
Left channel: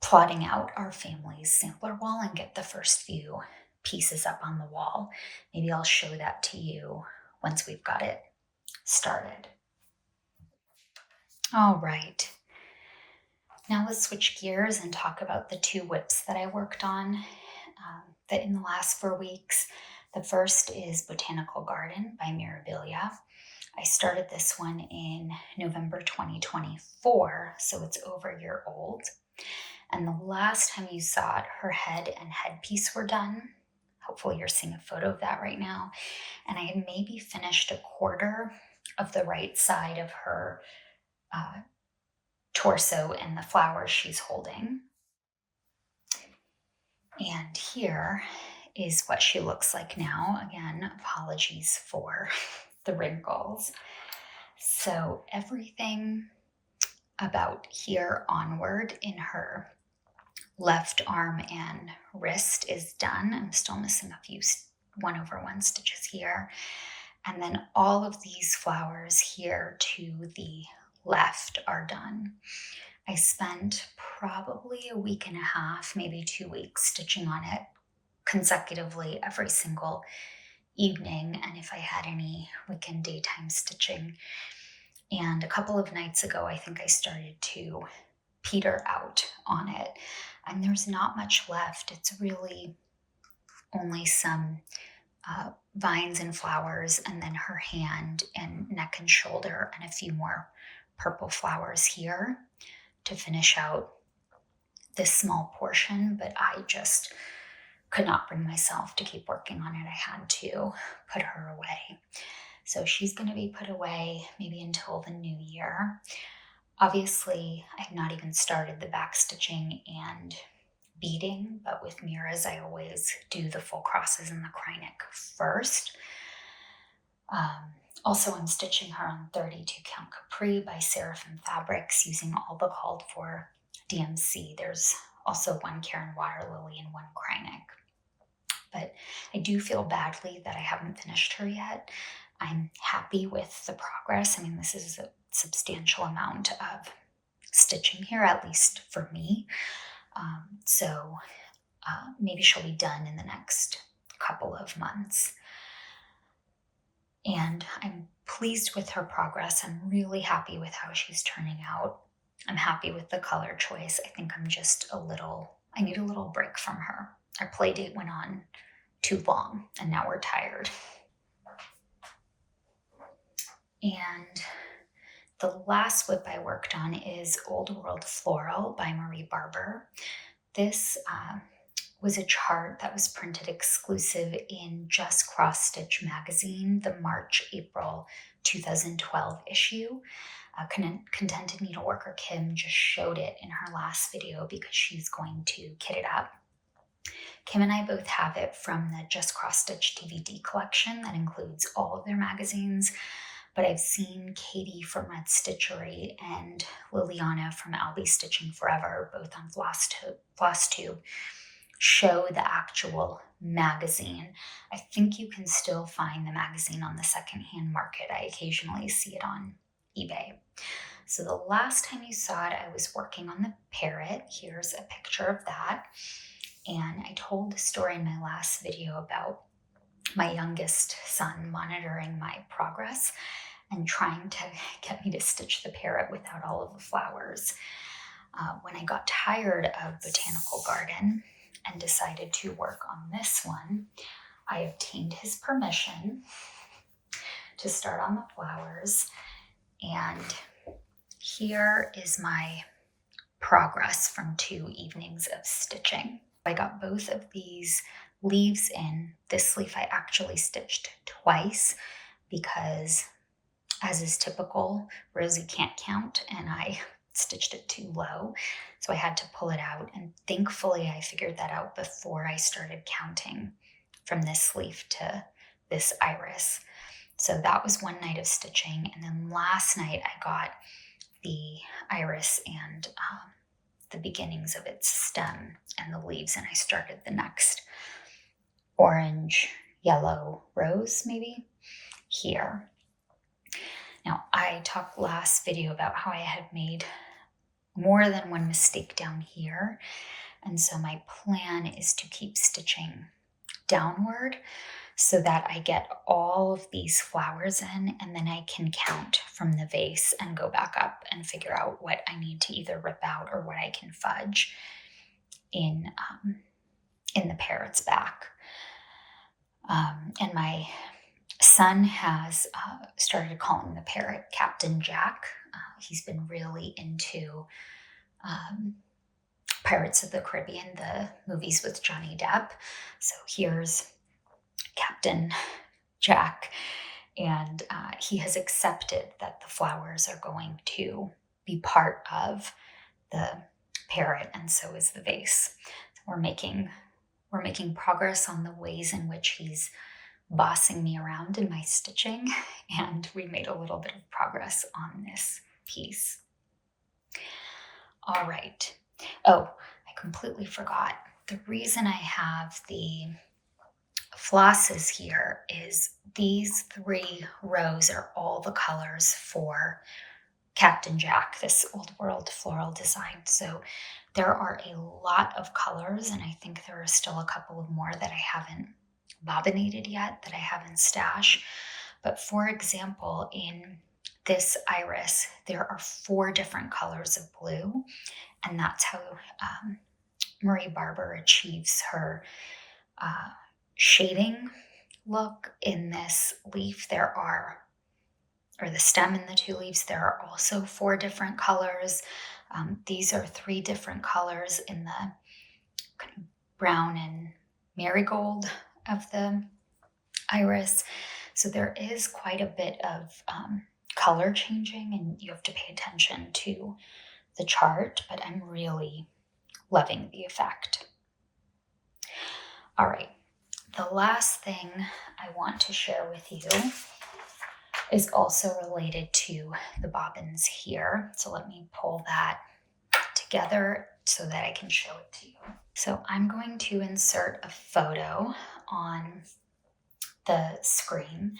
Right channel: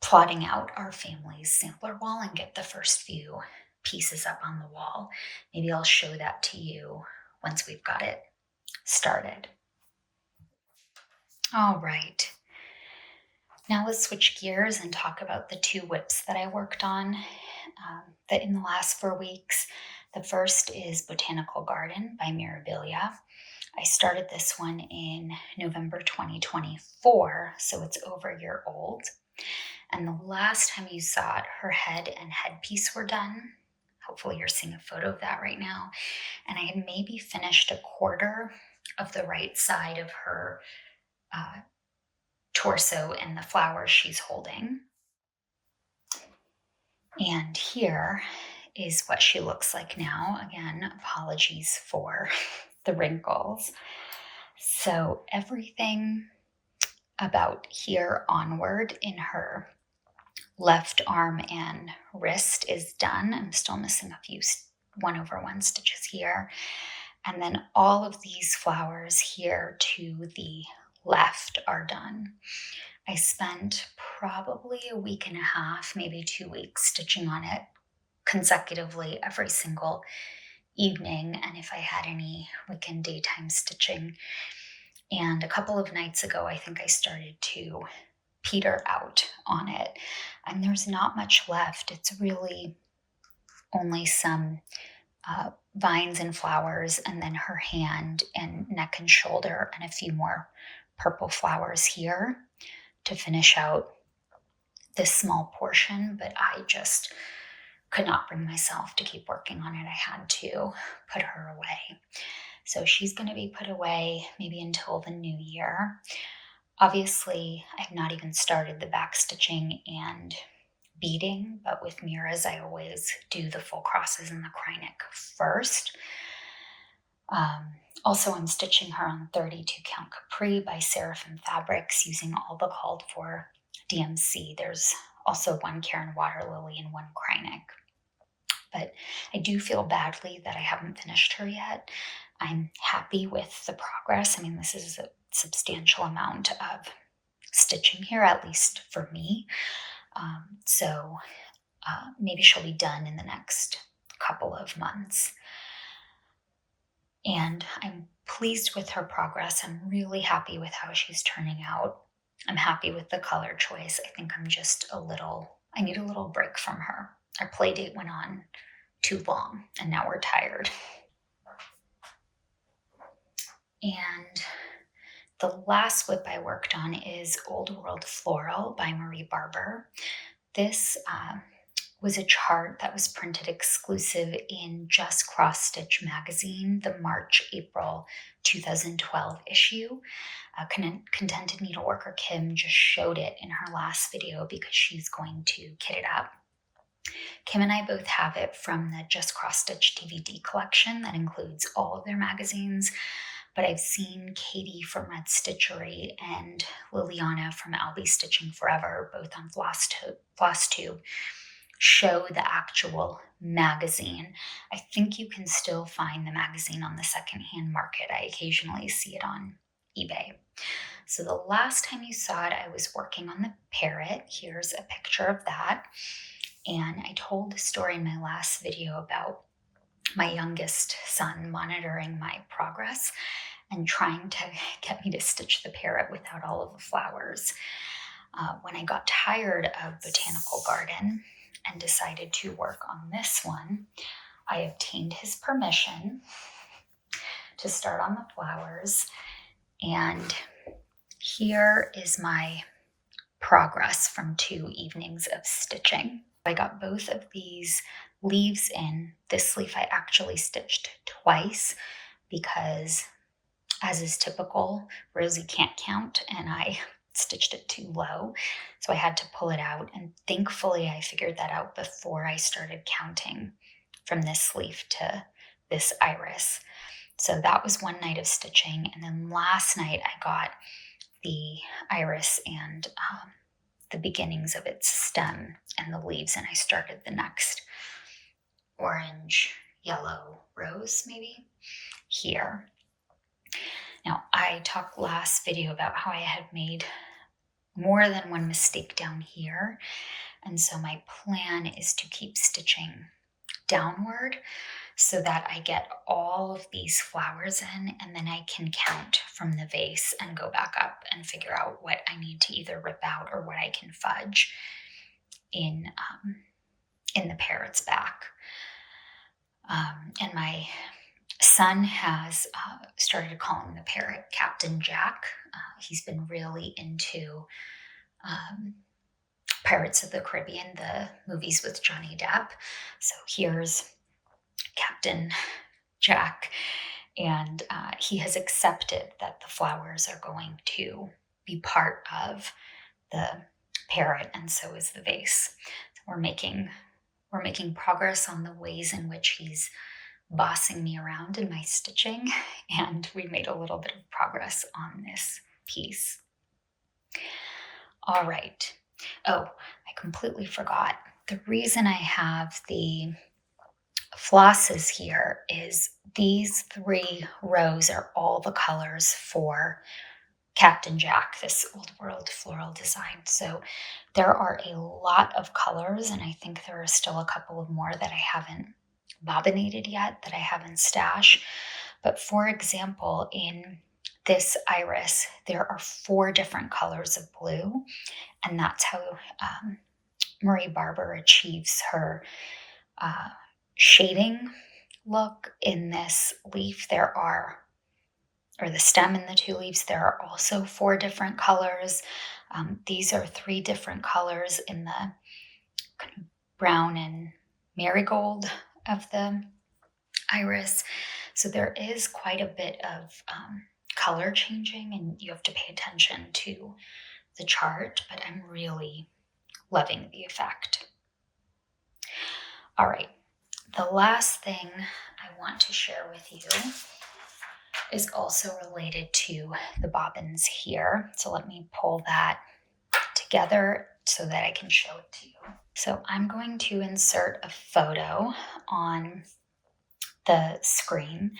plotting out our family's sampler wall and get the first few pieces up on the wall. Maybe I'll show that to you once we've got it started. All right. Now let's switch gears and talk about the two whips that I worked on in the last 4 weeks. The first is Botanical Garden by Mirabilia. I started this one in November 2024, so it's over a year old. And the last time you saw it, her head and headpiece were done. Hopefully you're seeing a photo of that right now. And I had maybe finished a quarter of the right side of her torso and the flowers she's holding. And here is what she looks like now. Again, apologies for the wrinkles. So everything about here onward in her left arm and wrist is done. I'm still missing a few 1/1 stitches here. And then all of these flowers here to the left are done. I spent probably a week and a half, maybe 2 weeks, stitching on it consecutively every single evening, and if I had any weekend daytime stitching. And a couple of nights ago, I think I started to peter out on it, and there's not much left. It's really only some vines and flowers, and then her hand and neck and shoulder, and a few more purple flowers here to finish out this small portion. But I just could not bring myself to keep working on it. I had to put her away. So she's going to be put away maybe until the new year. Obviously, I've not even started the back stitching and beading, but with Mira's, I always do the full crosses and the cry neck first. Also, I'm stitching her on 32 count Capri by Seraphim Fabrics using all the called for DMC. There's also one Karen Water Lily and one cry neck. but I do feel badly that I haven't finished her yet. I'm happy with the progress. I mean, this is a substantial amount of stitching here, at least for me. So maybe she'll be done in the next couple of months. And I'm pleased with her progress. I'm really happy with how she's turning out. I'm happy with the color choice. I think I need a little break from her. Our play date went on too long, and now we're tired. And the last WIP I worked on is Old World Floral by Barber. This was a chart that was printed exclusive in Just Cross Stitch magazine, the March-April 2012 issue. Contented Needleworker Kim just showed it in her last video because she's going to kit it up. Kim and I both have it from the Just Cross Stitch DVD collection that includes all of their magazines, but I've seen Katie from Red Stitchery and Liliana from Albie Stitching Forever, both on Flosstube, show the actual magazine. I think you can still find the magazine on the secondhand market. I occasionally see it on eBay. So the last time you saw it, I was working on the parrot. Here's a picture of that. And I told the story in my last video about my youngest son monitoring my progress and trying to get me to stitch the parrot without all of the flowers. When I got tired of Botanical Garden and decided to work on this one, I obtained his permission to start on the flowers. And here is my progress from 2 evenings of stitching. I got both of these leaves in. This leaf I actually stitched twice because, as is typical, Rosie can't count and I stitched it too low. So I had to pull it out, and thankfully I figured that out before I started counting from this leaf to this iris. So that was one night of stitching, and then last night I got the iris and the beginnings of its stem and the leaves, and I started the next orange, yellow, rose maybe here. Now, I talked last video about how I had made more than one mistake down here, and so my plan is to keep stitching downward so that I get all of these flowers in, and then I can count from the vase and go back up and figure out what I need to either rip out or what I can fudge in the parrot's back. And my son has started calling the parrot Captain Jack. He's been really into Pirates of the Caribbean, the movies with Johnny Depp. So here's Captain Jack, and he has accepted that the flowers are going to be part of the parrot, and so is the vase. So we're making progress on the ways in which he's bossing me around in my stitching, and we made a little bit of progress on this piece. All right. Oh, I completely forgot. The reason I have the flosses here is these 3 rows are all the colors for Captain Jack, this Old World floral design. So there are a lot of colors, and I think there are still a couple of more that I haven't bobbinated yet, that I have in stash. But for example, in this iris, there are 4 different colors of blue, and that's how Barber achieves her shading look. In this leaf, or the stem in the 2 leaves, there are also 4 different colors. These are 3 different colors in the kind of brown and marigold of the iris. So there is quite a bit of color changing, and you have to pay attention to the chart, but I'm really loving the effect. All right, the last thing I want to share with you is also related to the bobbins here. So let me pull that together so that I can show it to you. So I'm going to insert a photo on the screen.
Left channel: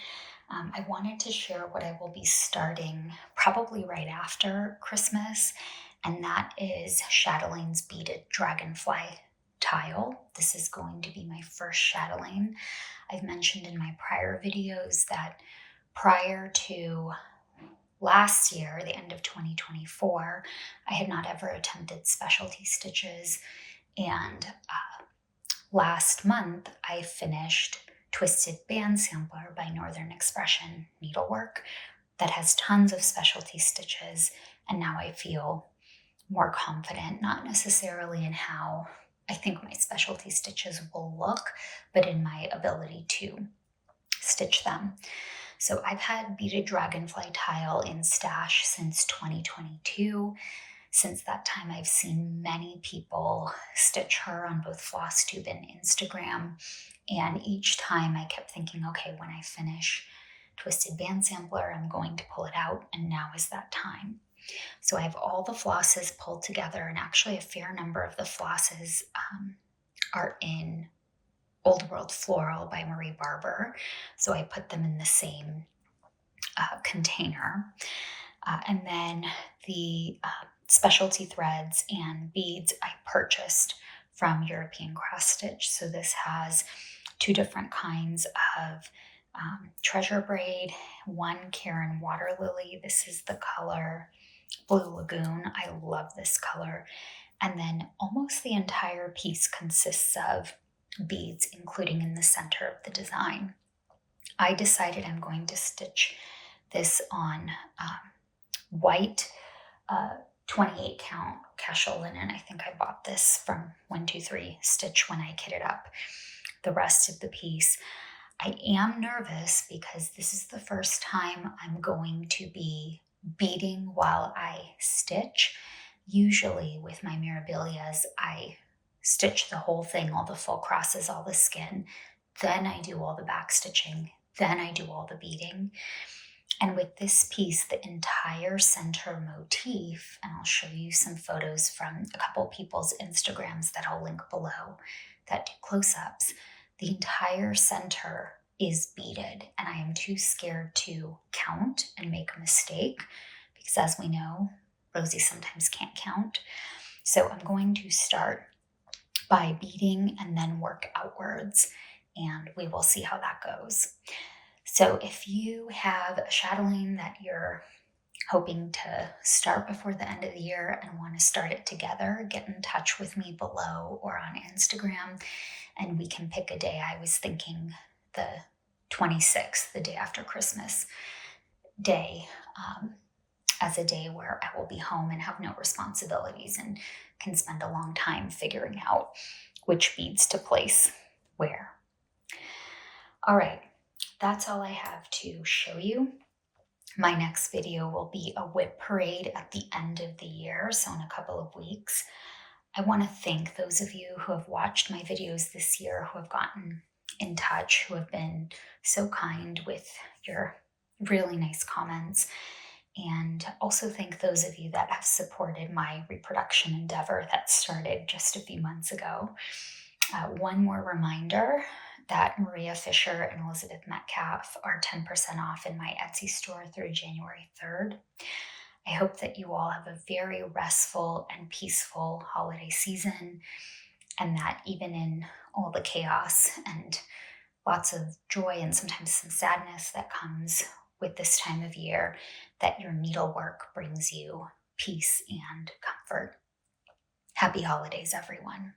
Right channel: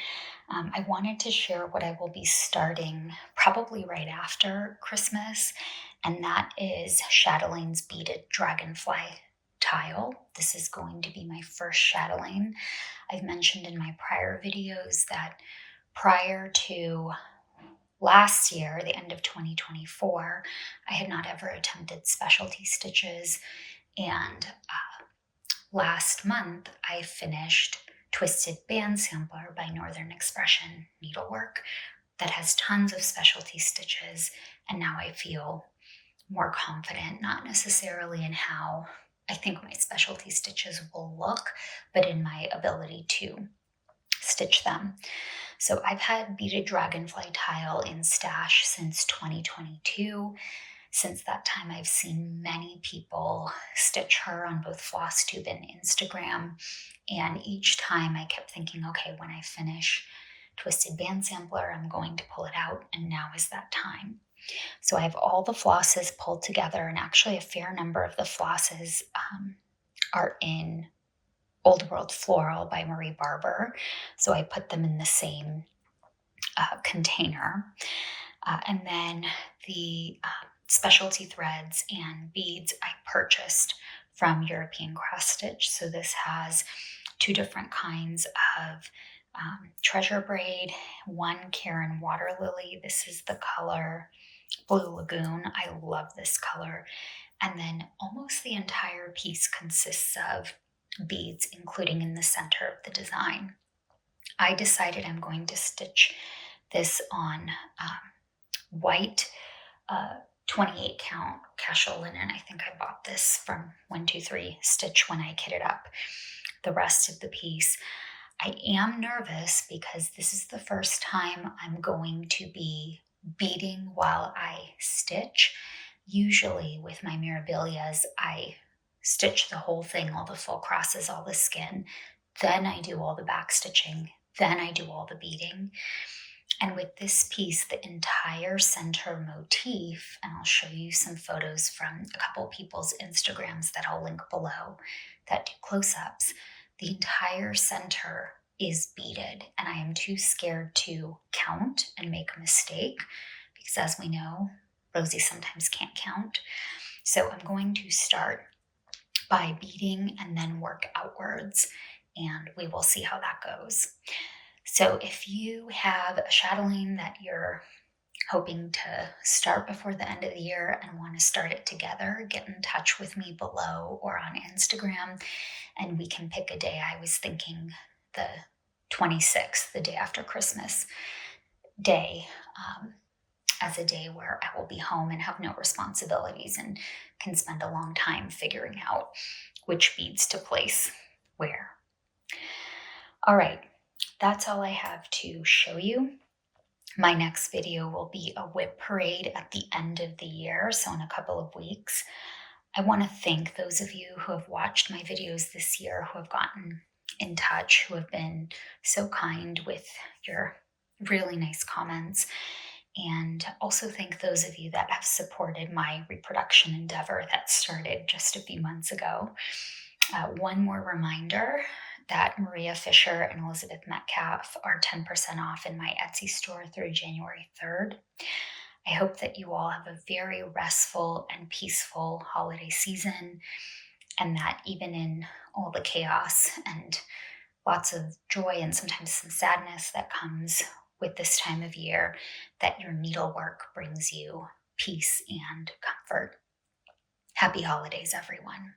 I wanted to share what I will be starting probably right after Christmas, and that is Chatelain's Beaded Dragonfly tile. This is going to be my first chatelaine. I've mentioned in my prior videos that prior to last year, the end of 2024, I had not ever attempted specialty stitches, and last month I finished Twisted Band Sampler by Northern Expression Needlework that has tons of specialty stitches, and now I feel more confident, not necessarily in how I think my specialty stitches will look, but in my ability to stitch them. So I've had Beaded Dragonfly tile in stash since 2022. Since that time, I've seen many people stitch her on both Flosstube and Instagram. And each time I kept thinking, okay, when I finish Twisted Band Sampler, I'm going to pull it out, and now is that time. So I have all the flosses pulled together, and actually a fair number of the flosses are in Old World Floral by Barber. So I put them in the same container. And then the specialty threads and beads I purchased from European Cross Stitch. So this has two different kinds of treasure braid, one Karen Water Lily. This is the color Blue Lagoon. I love this color. And then almost the entire piece consists of beads, including in the center of the design. I decided I'm going to stitch this on white 28 count casual linen. I think I bought this from 123 Stitch when I kitted up the rest of the piece. I am nervous because this is the first time I'm going to be beading while I stitch. Usually with my Mirabilias, I stitch the whole thing, all the full crosses, all the skin. Then I do all the back stitching. Then I do all the beading. And with this piece, the entire center motif, and I'll show you some photos from a couple people's Instagrams that I'll link below that do close-ups, the entire center is beaded, and I am too scared to count and make a mistake because, as we know, Rosie sometimes can't count. So I'm going to start by beading and then work outwards, and we will see how that goes. So if you have a chatelaine that you're hoping to start before the end of the year and want to start it together, get in touch with me below or on Instagram, and we can pick a day. I was thinking the 26th, the day after Christmas day, as a day where I will be home and have no responsibilities and can spend a long time figuring out which beads to place where. All right, that's all I have to show you. My next video will be a whip parade at the end of the year, so in a couple of weeks. I want to thank those of you who have watched my videos this year, who have gotten in touch, who have been so kind with your really nice comments, and also thank those of you that have supported my reproduction endeavor that started just a few months ago. One more reminder that Maria Fisher and Elizabeth Metcalfe are 10% off in my Etsy store through January 3rd. I hope that you all have a very restful and peaceful holiday season, and that even in all the chaos and lots of joy and sometimes some sadness that comes with this time of year, that your needlework brings you peace and comfort. Happy holidays, everyone.